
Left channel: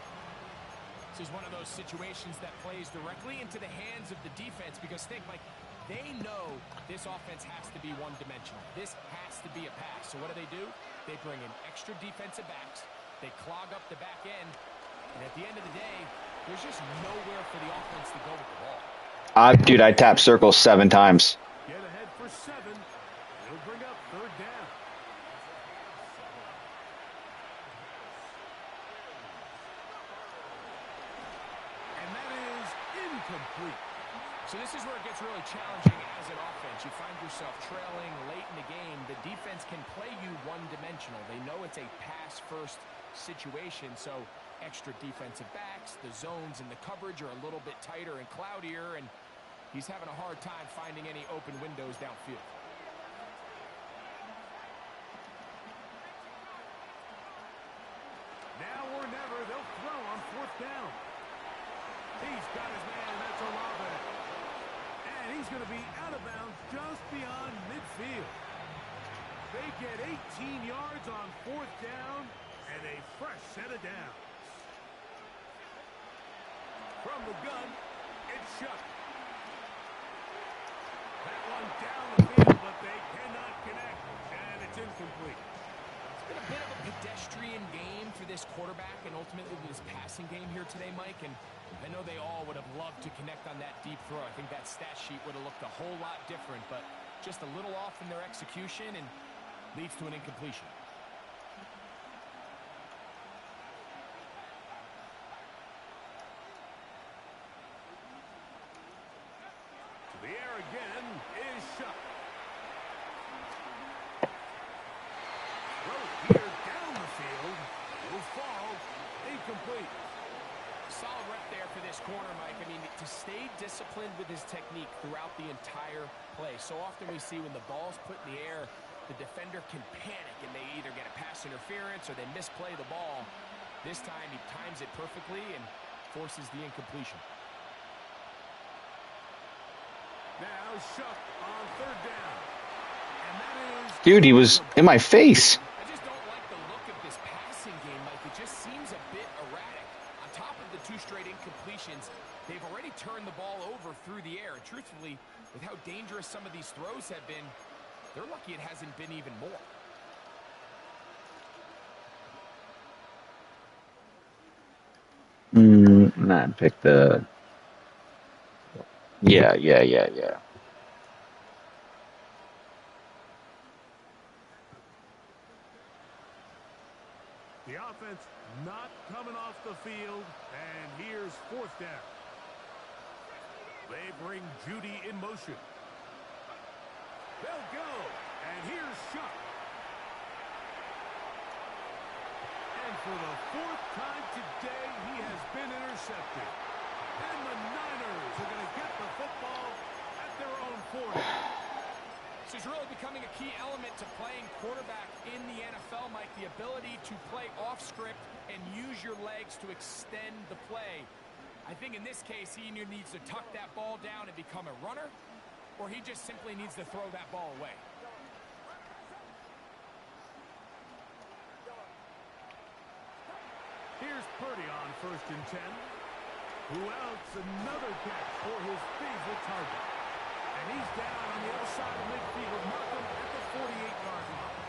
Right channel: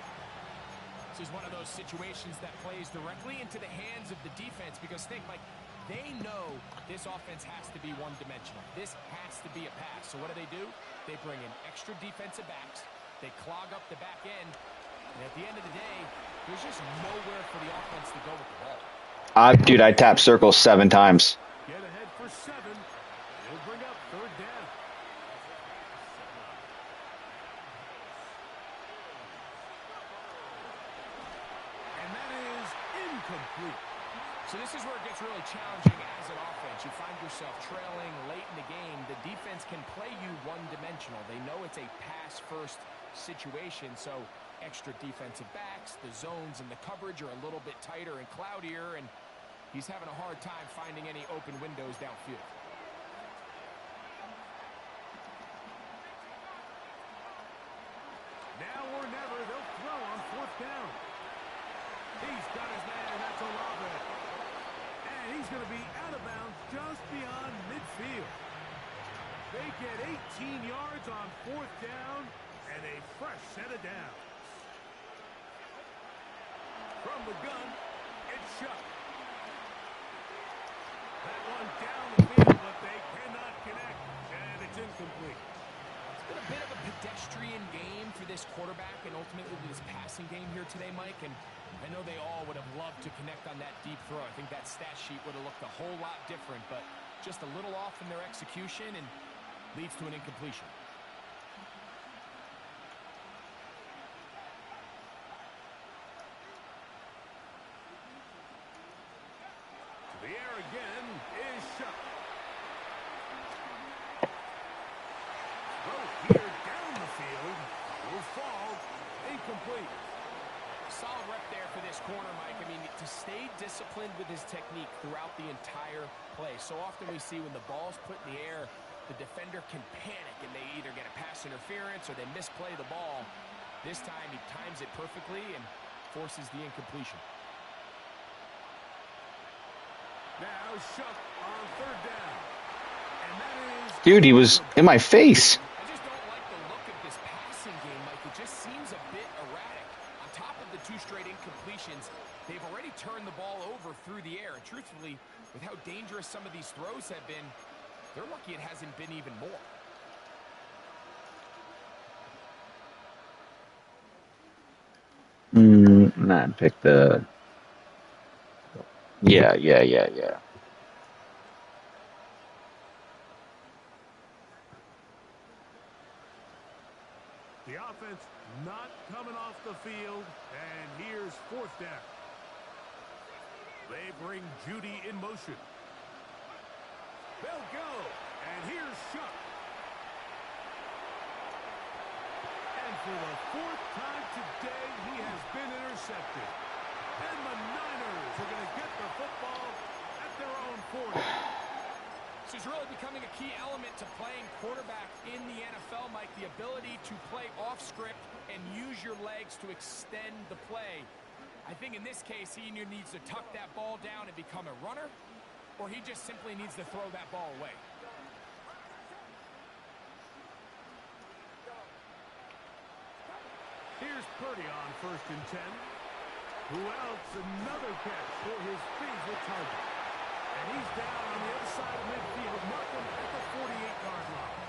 This is one of those situations that plays directly into the hands of the defense because think, Mike, they know this offense has to be one-dimensional. This has to be a pass. So what do? They bring in extra defensive backs. They clog up the back end. And at the end of the day, there's just nowhere for the offense to go with the ball. Dude, I tapped circle 7 times. Get ahead for 7. It'll bring up third down. And that is incomplete. So this is where it gets really challenging as an offense. You find yourself trailing late in the game. The defense can play you one-dimensional. They know it's a pass-first situation, so extra defensive backs, the zones and the coverage are a little bit tighter and cloudier, and he's having a hard time finding any open windows downfield. Now or never, they'll throw on fourth down. He's got his man, that's Olave. And he's going to be out of bounds just beyond midfield. They get 18 yards on fourth down and a fresh set of downs. From the gun, it's Shuck. That one down the field, but they cannot connect, and it's incomplete. It's been a bit of a pedestrian game for this quarterback and ultimately this passing game here today, Mike, and I know they all would have loved to connect on that deep throw. I think that stat sheet would have looked a whole lot different, but just a little off in their execution and leads to an incompletion. The air again is Shuck. Throw here down the field will fall incomplete. Solid rep there for this corner, Mike. I mean, to stay disciplined with his technique throughout the entire play. So often we see when the ball's put in the air, the defender can panic and they either get a pass interference or they misplay the ball. This time he times it perfectly and forces the incompletion. Now Shuck on third down. And that is... Dude, he was in my face. I just don't like the look of this passing game, Mike. It just seems a bit erratic. On top of the 2 straight incompletions, they've already turned the ball over through the air. And truthfully, with how dangerous some of these throws have been, they're lucky it hasn't been even more. Nah, pick the... Yeah. The offense not coming off the field, and here's fourth down. They bring Judy in motion. They'll go, and here's Shuck. And for the 4th time today, he has been intercepted. And the Niners are going to get the football at their own 40. This is really becoming a key element to playing quarterback in the NFL, Mike. The ability to play off script and use your legs to extend the play. I think in this case, he either needs to tuck that ball down and become a runner, or he just simply needs to throw that ball away. Here's Purdy on 1st and 10. Who else? Another catch for his favorite target. And he's down on the other side of midfield. Markham at the 48-yard line.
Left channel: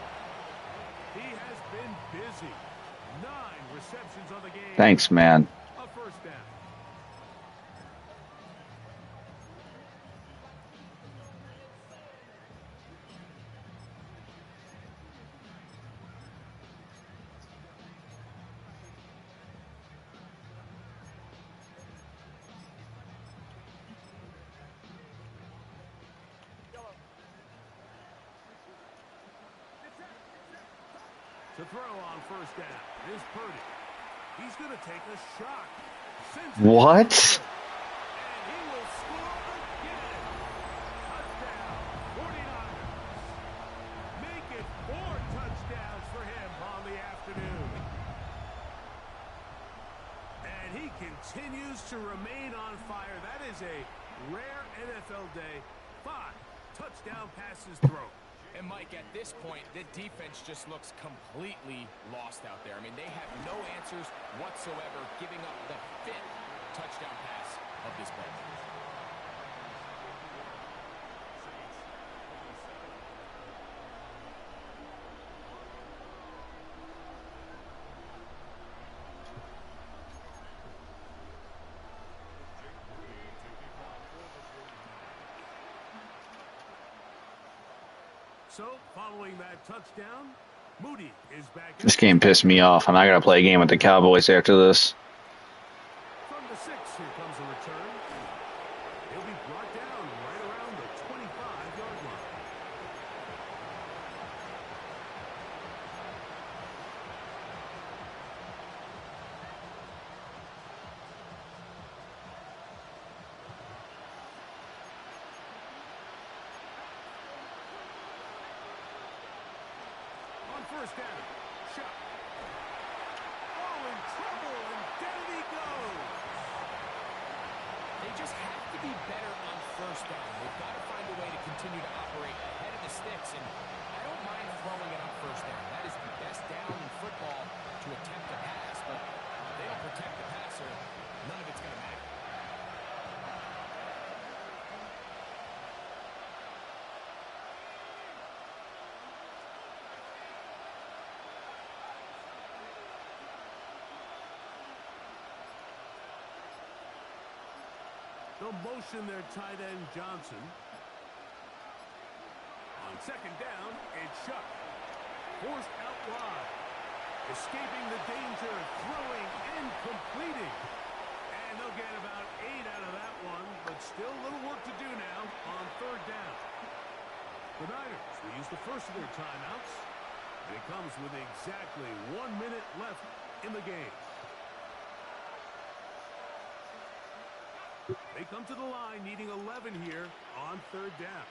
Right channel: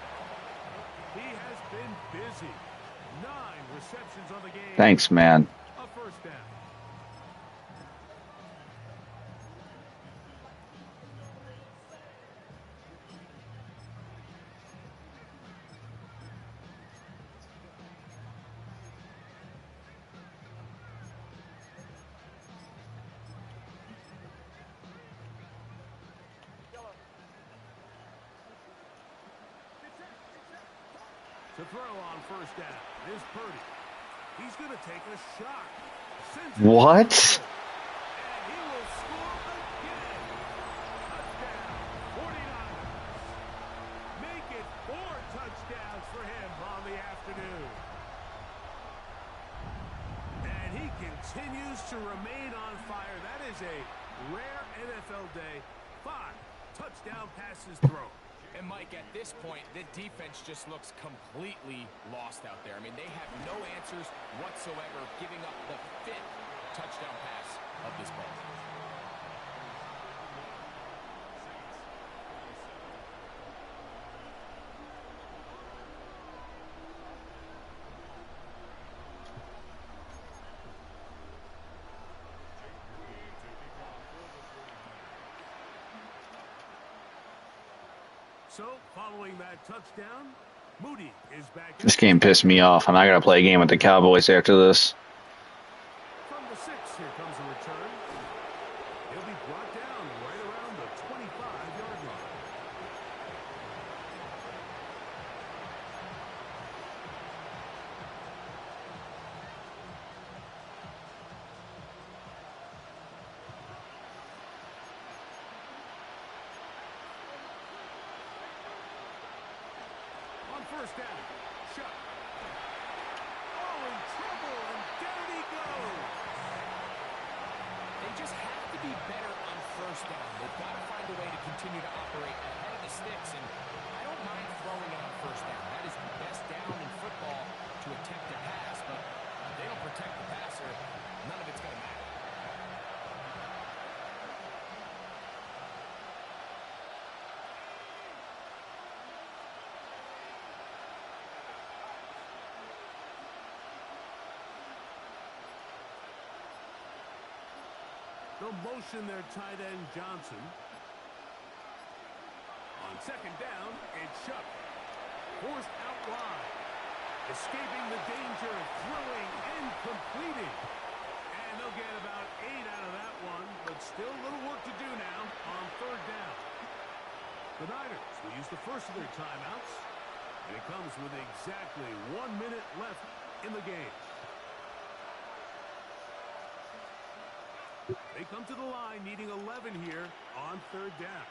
He has been busy. 9 receptions on the game. Thanks, man. A first down. To throw on first down is Purdy. He's going to take a shot. What? And he will score again. Touchdown, 49ers. Make it 4 touchdowns for him on the afternoon. And he continues to remain on fire. That is a rare NFL day. 5 touchdown passes thrown. And, Mike, at this point, the defense just looks completely lost out there. I mean, they have no answers whatsoever, giving up the 5th touchdown pass of this ball. So, following that touchdown, Moody is back. This game pissed me off. I'm not going to play a game with the Cowboys after this. From the 6, here comes a return. He'll be brought down right around the 25-yard line. First down, Shuck. Oh, in trouble, and down he goes. They just have to be better on first down. They've got to find a way to continue to operate ahead of the sticks, and I don't mind throwing it on first down. That is the best down in football to attempt a pass, but if they don't protect the passer, none of it's going to matter. They'll motion their tight end, Johnson. On second down, it's Shuck. Forced out wide. Escaping the danger, throwing and completing. And they'll get about 8 out of that one, but still a little work to do now on third down. The Niners will use the first of their timeouts, and it comes with exactly 1 minute left in the game. They come to the line needing 11 here on third down.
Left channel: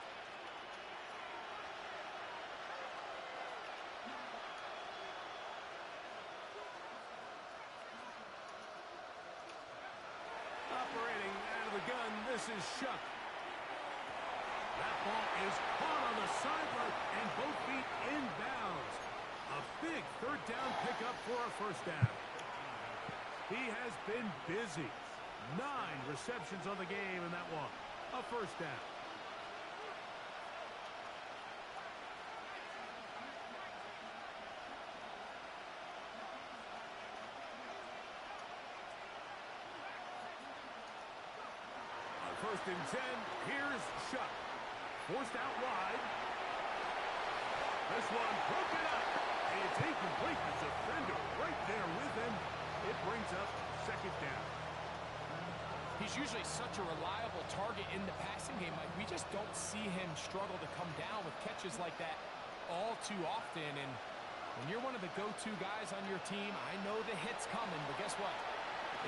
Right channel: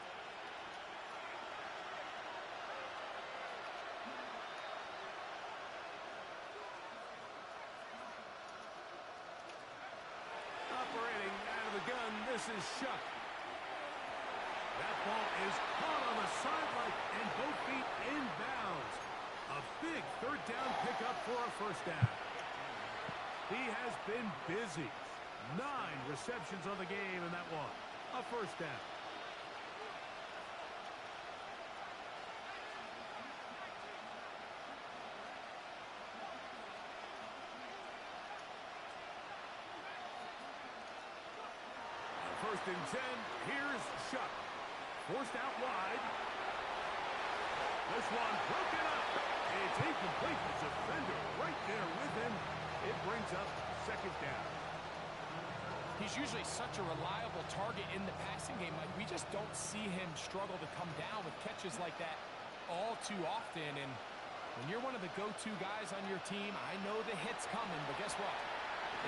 Operating out of the gun, this is Shuck. That ball is caught on the sideline and both feet inbounds. A big third down pickup for a first down. He has been busy. 9 receptions on the game in that one. A first down. On 1st and 10, here's Shuck. Forced out wide. This one broken up. It's incomplete. The defender right there with him. It brings up second down. He's usually such a reliable target in the passing game, Mike. We just don't see him struggle to come down with catches like that all too often. And when you're one of the go-to guys on your team, I know the hit's coming, but guess what?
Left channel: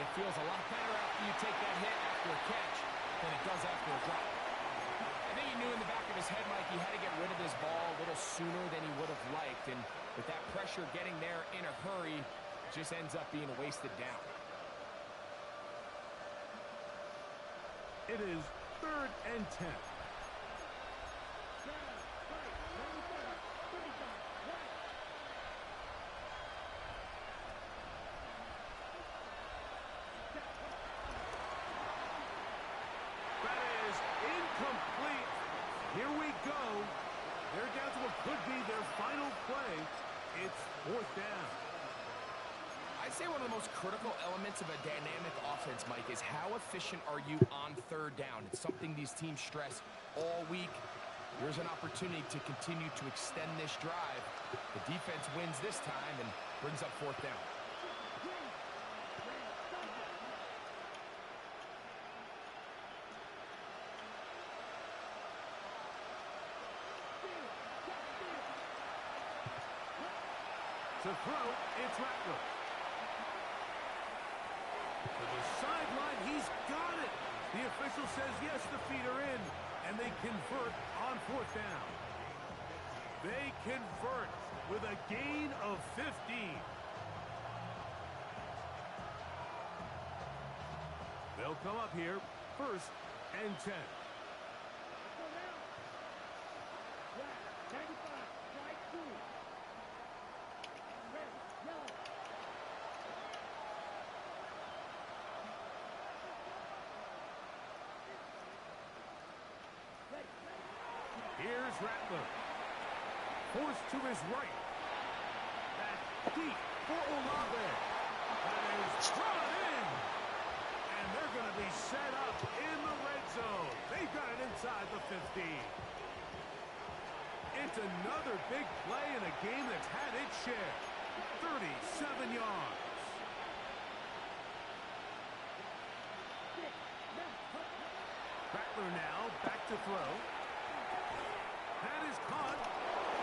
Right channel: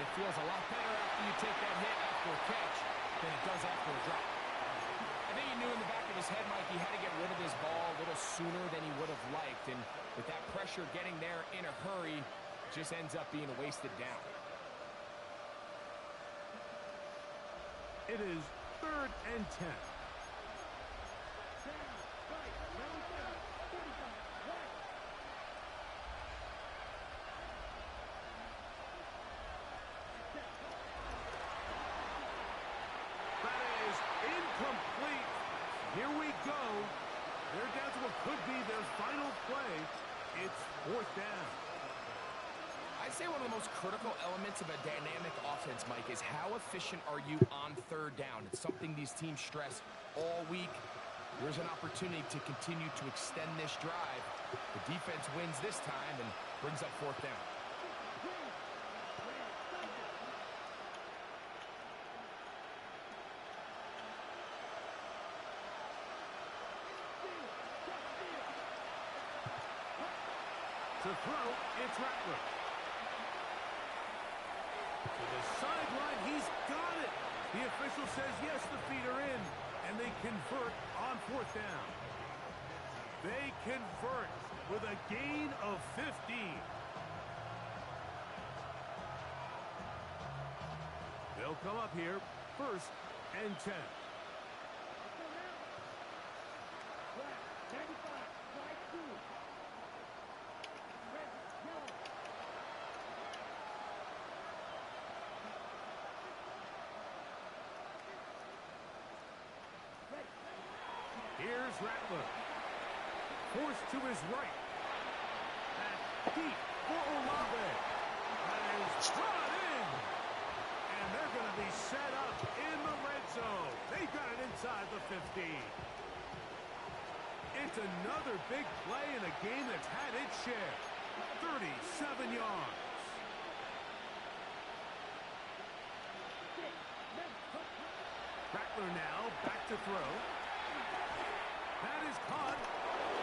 It feels a lot better after you take that hit after a catch than it does after a drop. I think he knew in the back of his head, Mike, he had to get rid of his ball a little sooner than he would have liked. And with that pressure getting there in a hurry, it just ends up being a wasted down. It is 3rd and 10. That is incomplete. Here we go. They're down to what could be their final play. It's 4th down. I'd say one of the most critical elements of a dynamic offense, Mike, is how efficient are you on third down. It's something these teams stress all week. There's an opportunity to continue to extend this drive. The defense wins this time and brings up 4th down. To throw, it's Rattler. To the sideline, he's got it. The official says yes, the feet are in, and they convert on 4th down. They convert with a gain of 15. They'll come up here, 1st and 10. Here's Rattler. Forced to his right. That deep for Olave. That is drawn in. And they're going to be set up in the red zone. They've got it inside the 15. It's another big play in a game that's had its share. 37 yards. Rattler now back to throw. That is caught,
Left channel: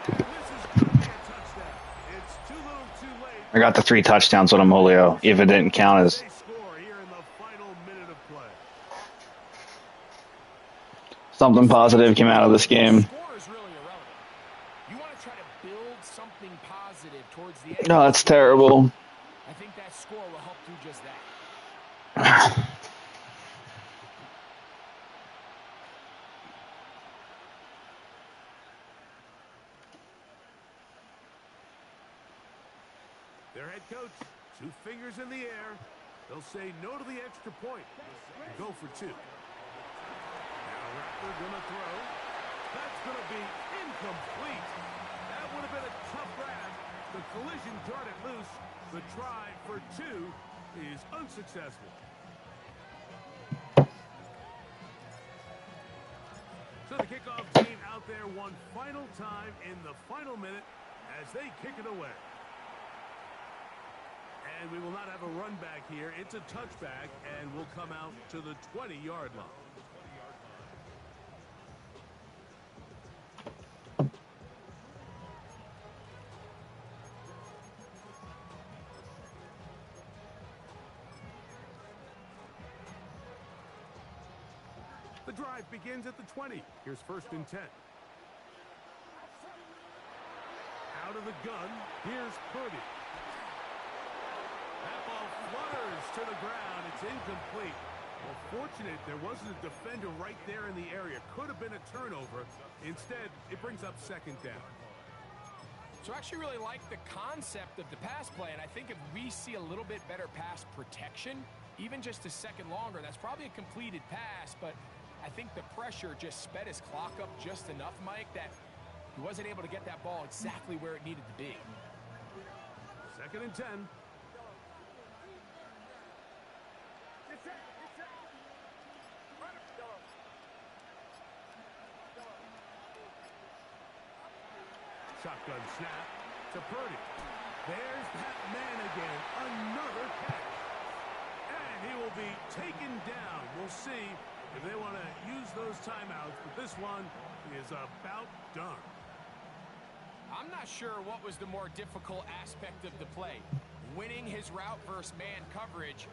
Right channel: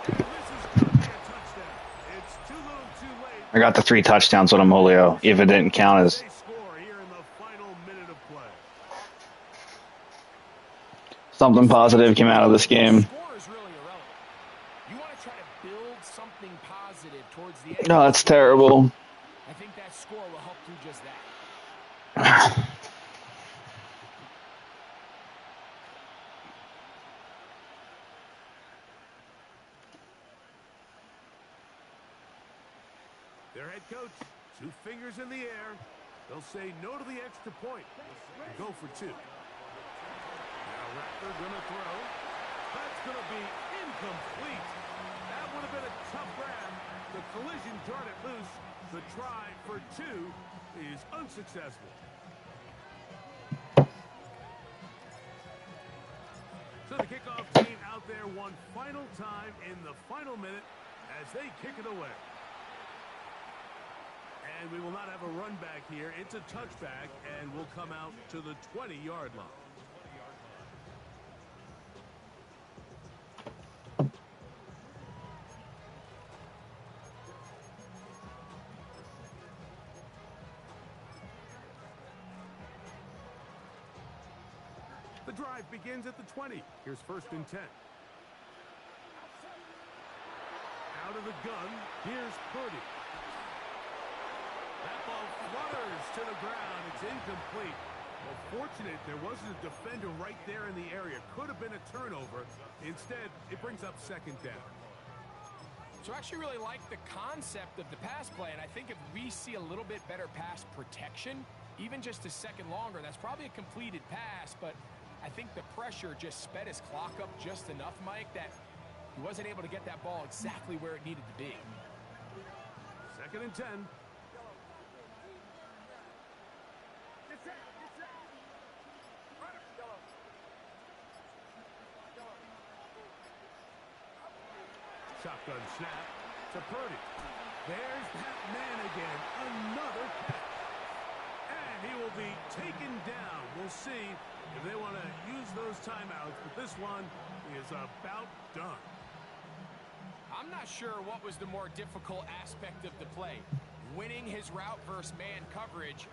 and this is going to be a touchdown. It's too little too late. I got the 3 touchdowns on him, Julio, if it didn't count as... They score here in the final minute of play. Something positive came out of this game. The score is really irrelevant. You want to try to build something positive towards the end. No, that's terrible. I think that score will help do just that. Their head coach, 2 fingers in the air. They'll say no to the extra point and go for 2. Now Rattler going to throw. That's going to be incomplete. That would have been a tough grab. The collision jarred it loose. The try for 2 is unsuccessful. So the kickoff team out there one final time in the final minute as they kick it away. And we will not have a run back here. It's a touchback, and we'll come out to the 20-yard line. The drive begins at the 20. Here's 1st and 10. Out of the gun, here's Purdy. That ball flutters to the ground. It's incomplete. Well, fortunate there wasn't a defender right there in the area. Could have been a turnover. Instead, it brings up 2nd down. So I actually really like the concept of the pass play, and I think if we see a little bit better pass protection, even just a second longer, that's probably a completed pass, but I think the pressure just sped his clock up just enough, Mike, that he wasn't able to get that ball exactly where it needed to be. 2nd and 10. Shotgun snap to Purdy. There's that man again. Another catch. And he will be taken down. We'll see if they want to use those timeouts, but this one is about done. I'm not sure what was the more difficult aspect of the play, winning his route versus man coverage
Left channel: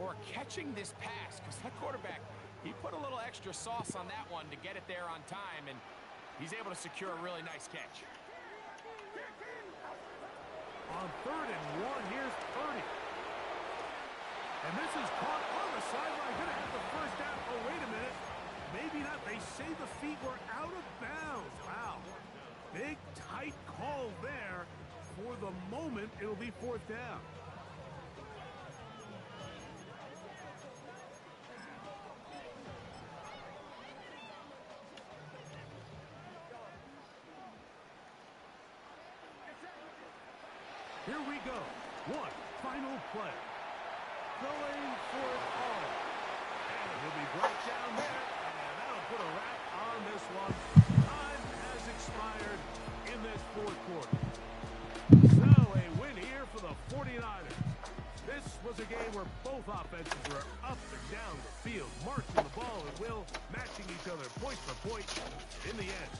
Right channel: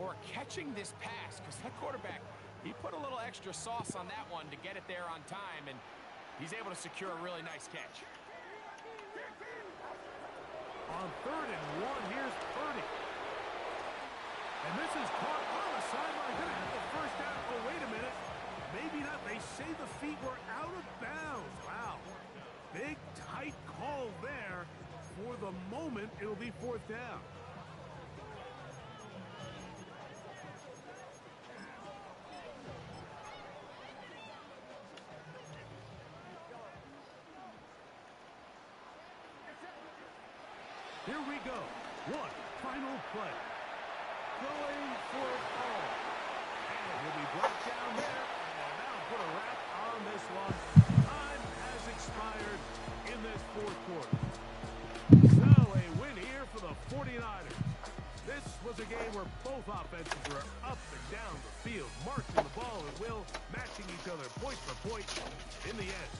or catching this pass, because that quarterback, he put a little extra sauce on that one to get it there on time, and he's able to secure a really nice catch. On 3rd and 1, here's Purdy. And this is caught on the sideline. Going to have the 1st down. Oh, wait a minute. Maybe not. They say the feet were out of bounds. Wow. Big, tight call there. For the moment, it'll be 4th down. Here we go. One final play. Going for it all. And he'll be brought down there, and that'll put a wrap on this one. Time has expired in this 4th quarter. So a win here for the 49ers. This was a game where both offenses were up and down the field, marching the ball at will, matching each other point for point. In the end,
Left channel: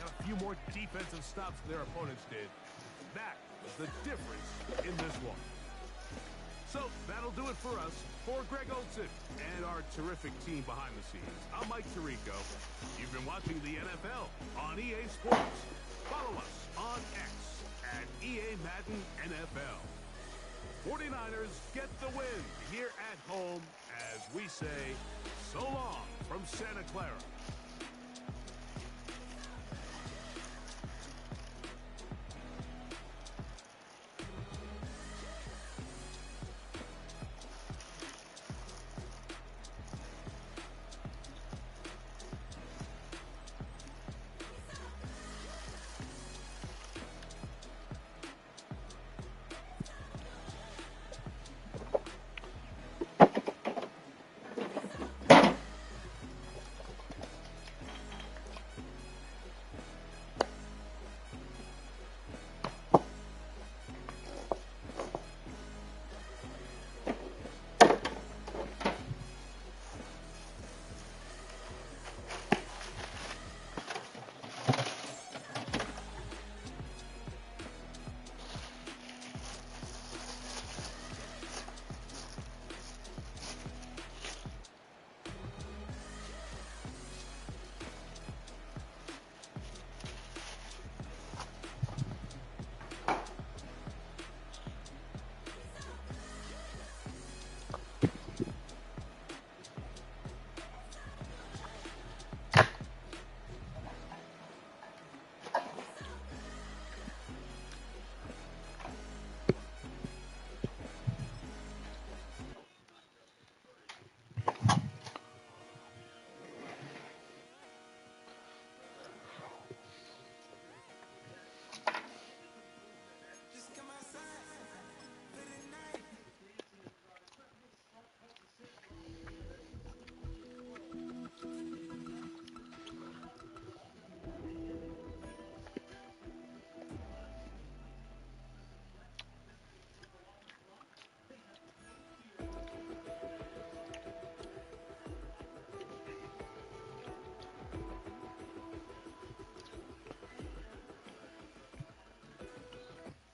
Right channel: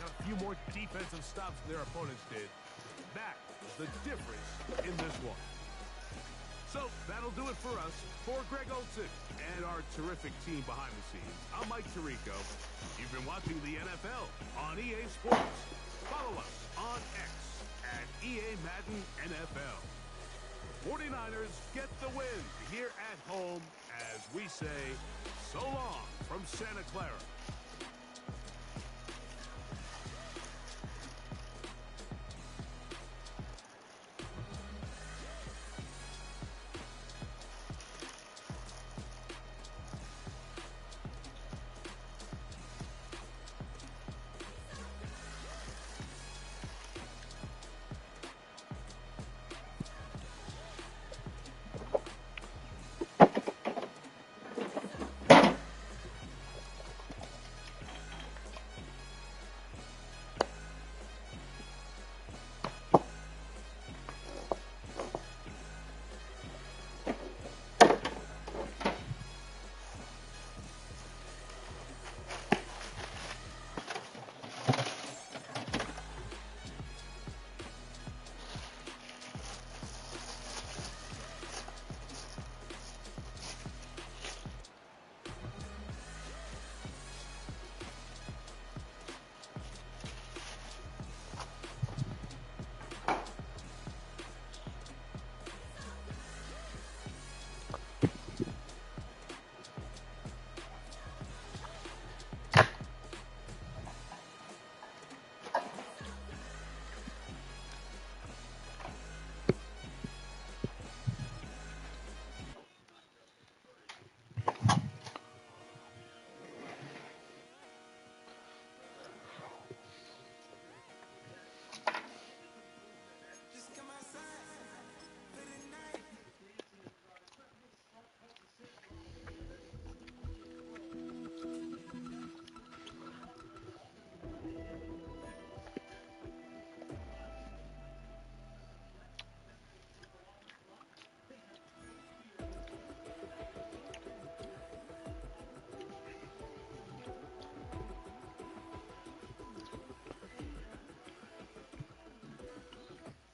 got a few more defensive stops than their opponents did. That was the difference in this one. So that'll do it for us. For Greg Olsen and our terrific team behind the scenes, I'm Mike Tirico. You've been watching the NFL on EA Sports. Follow us on X at EA Madden NFL. The 49ers get the win here at home as we say so long from Santa Clara.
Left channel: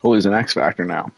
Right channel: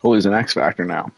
Well, he's an X Factor now.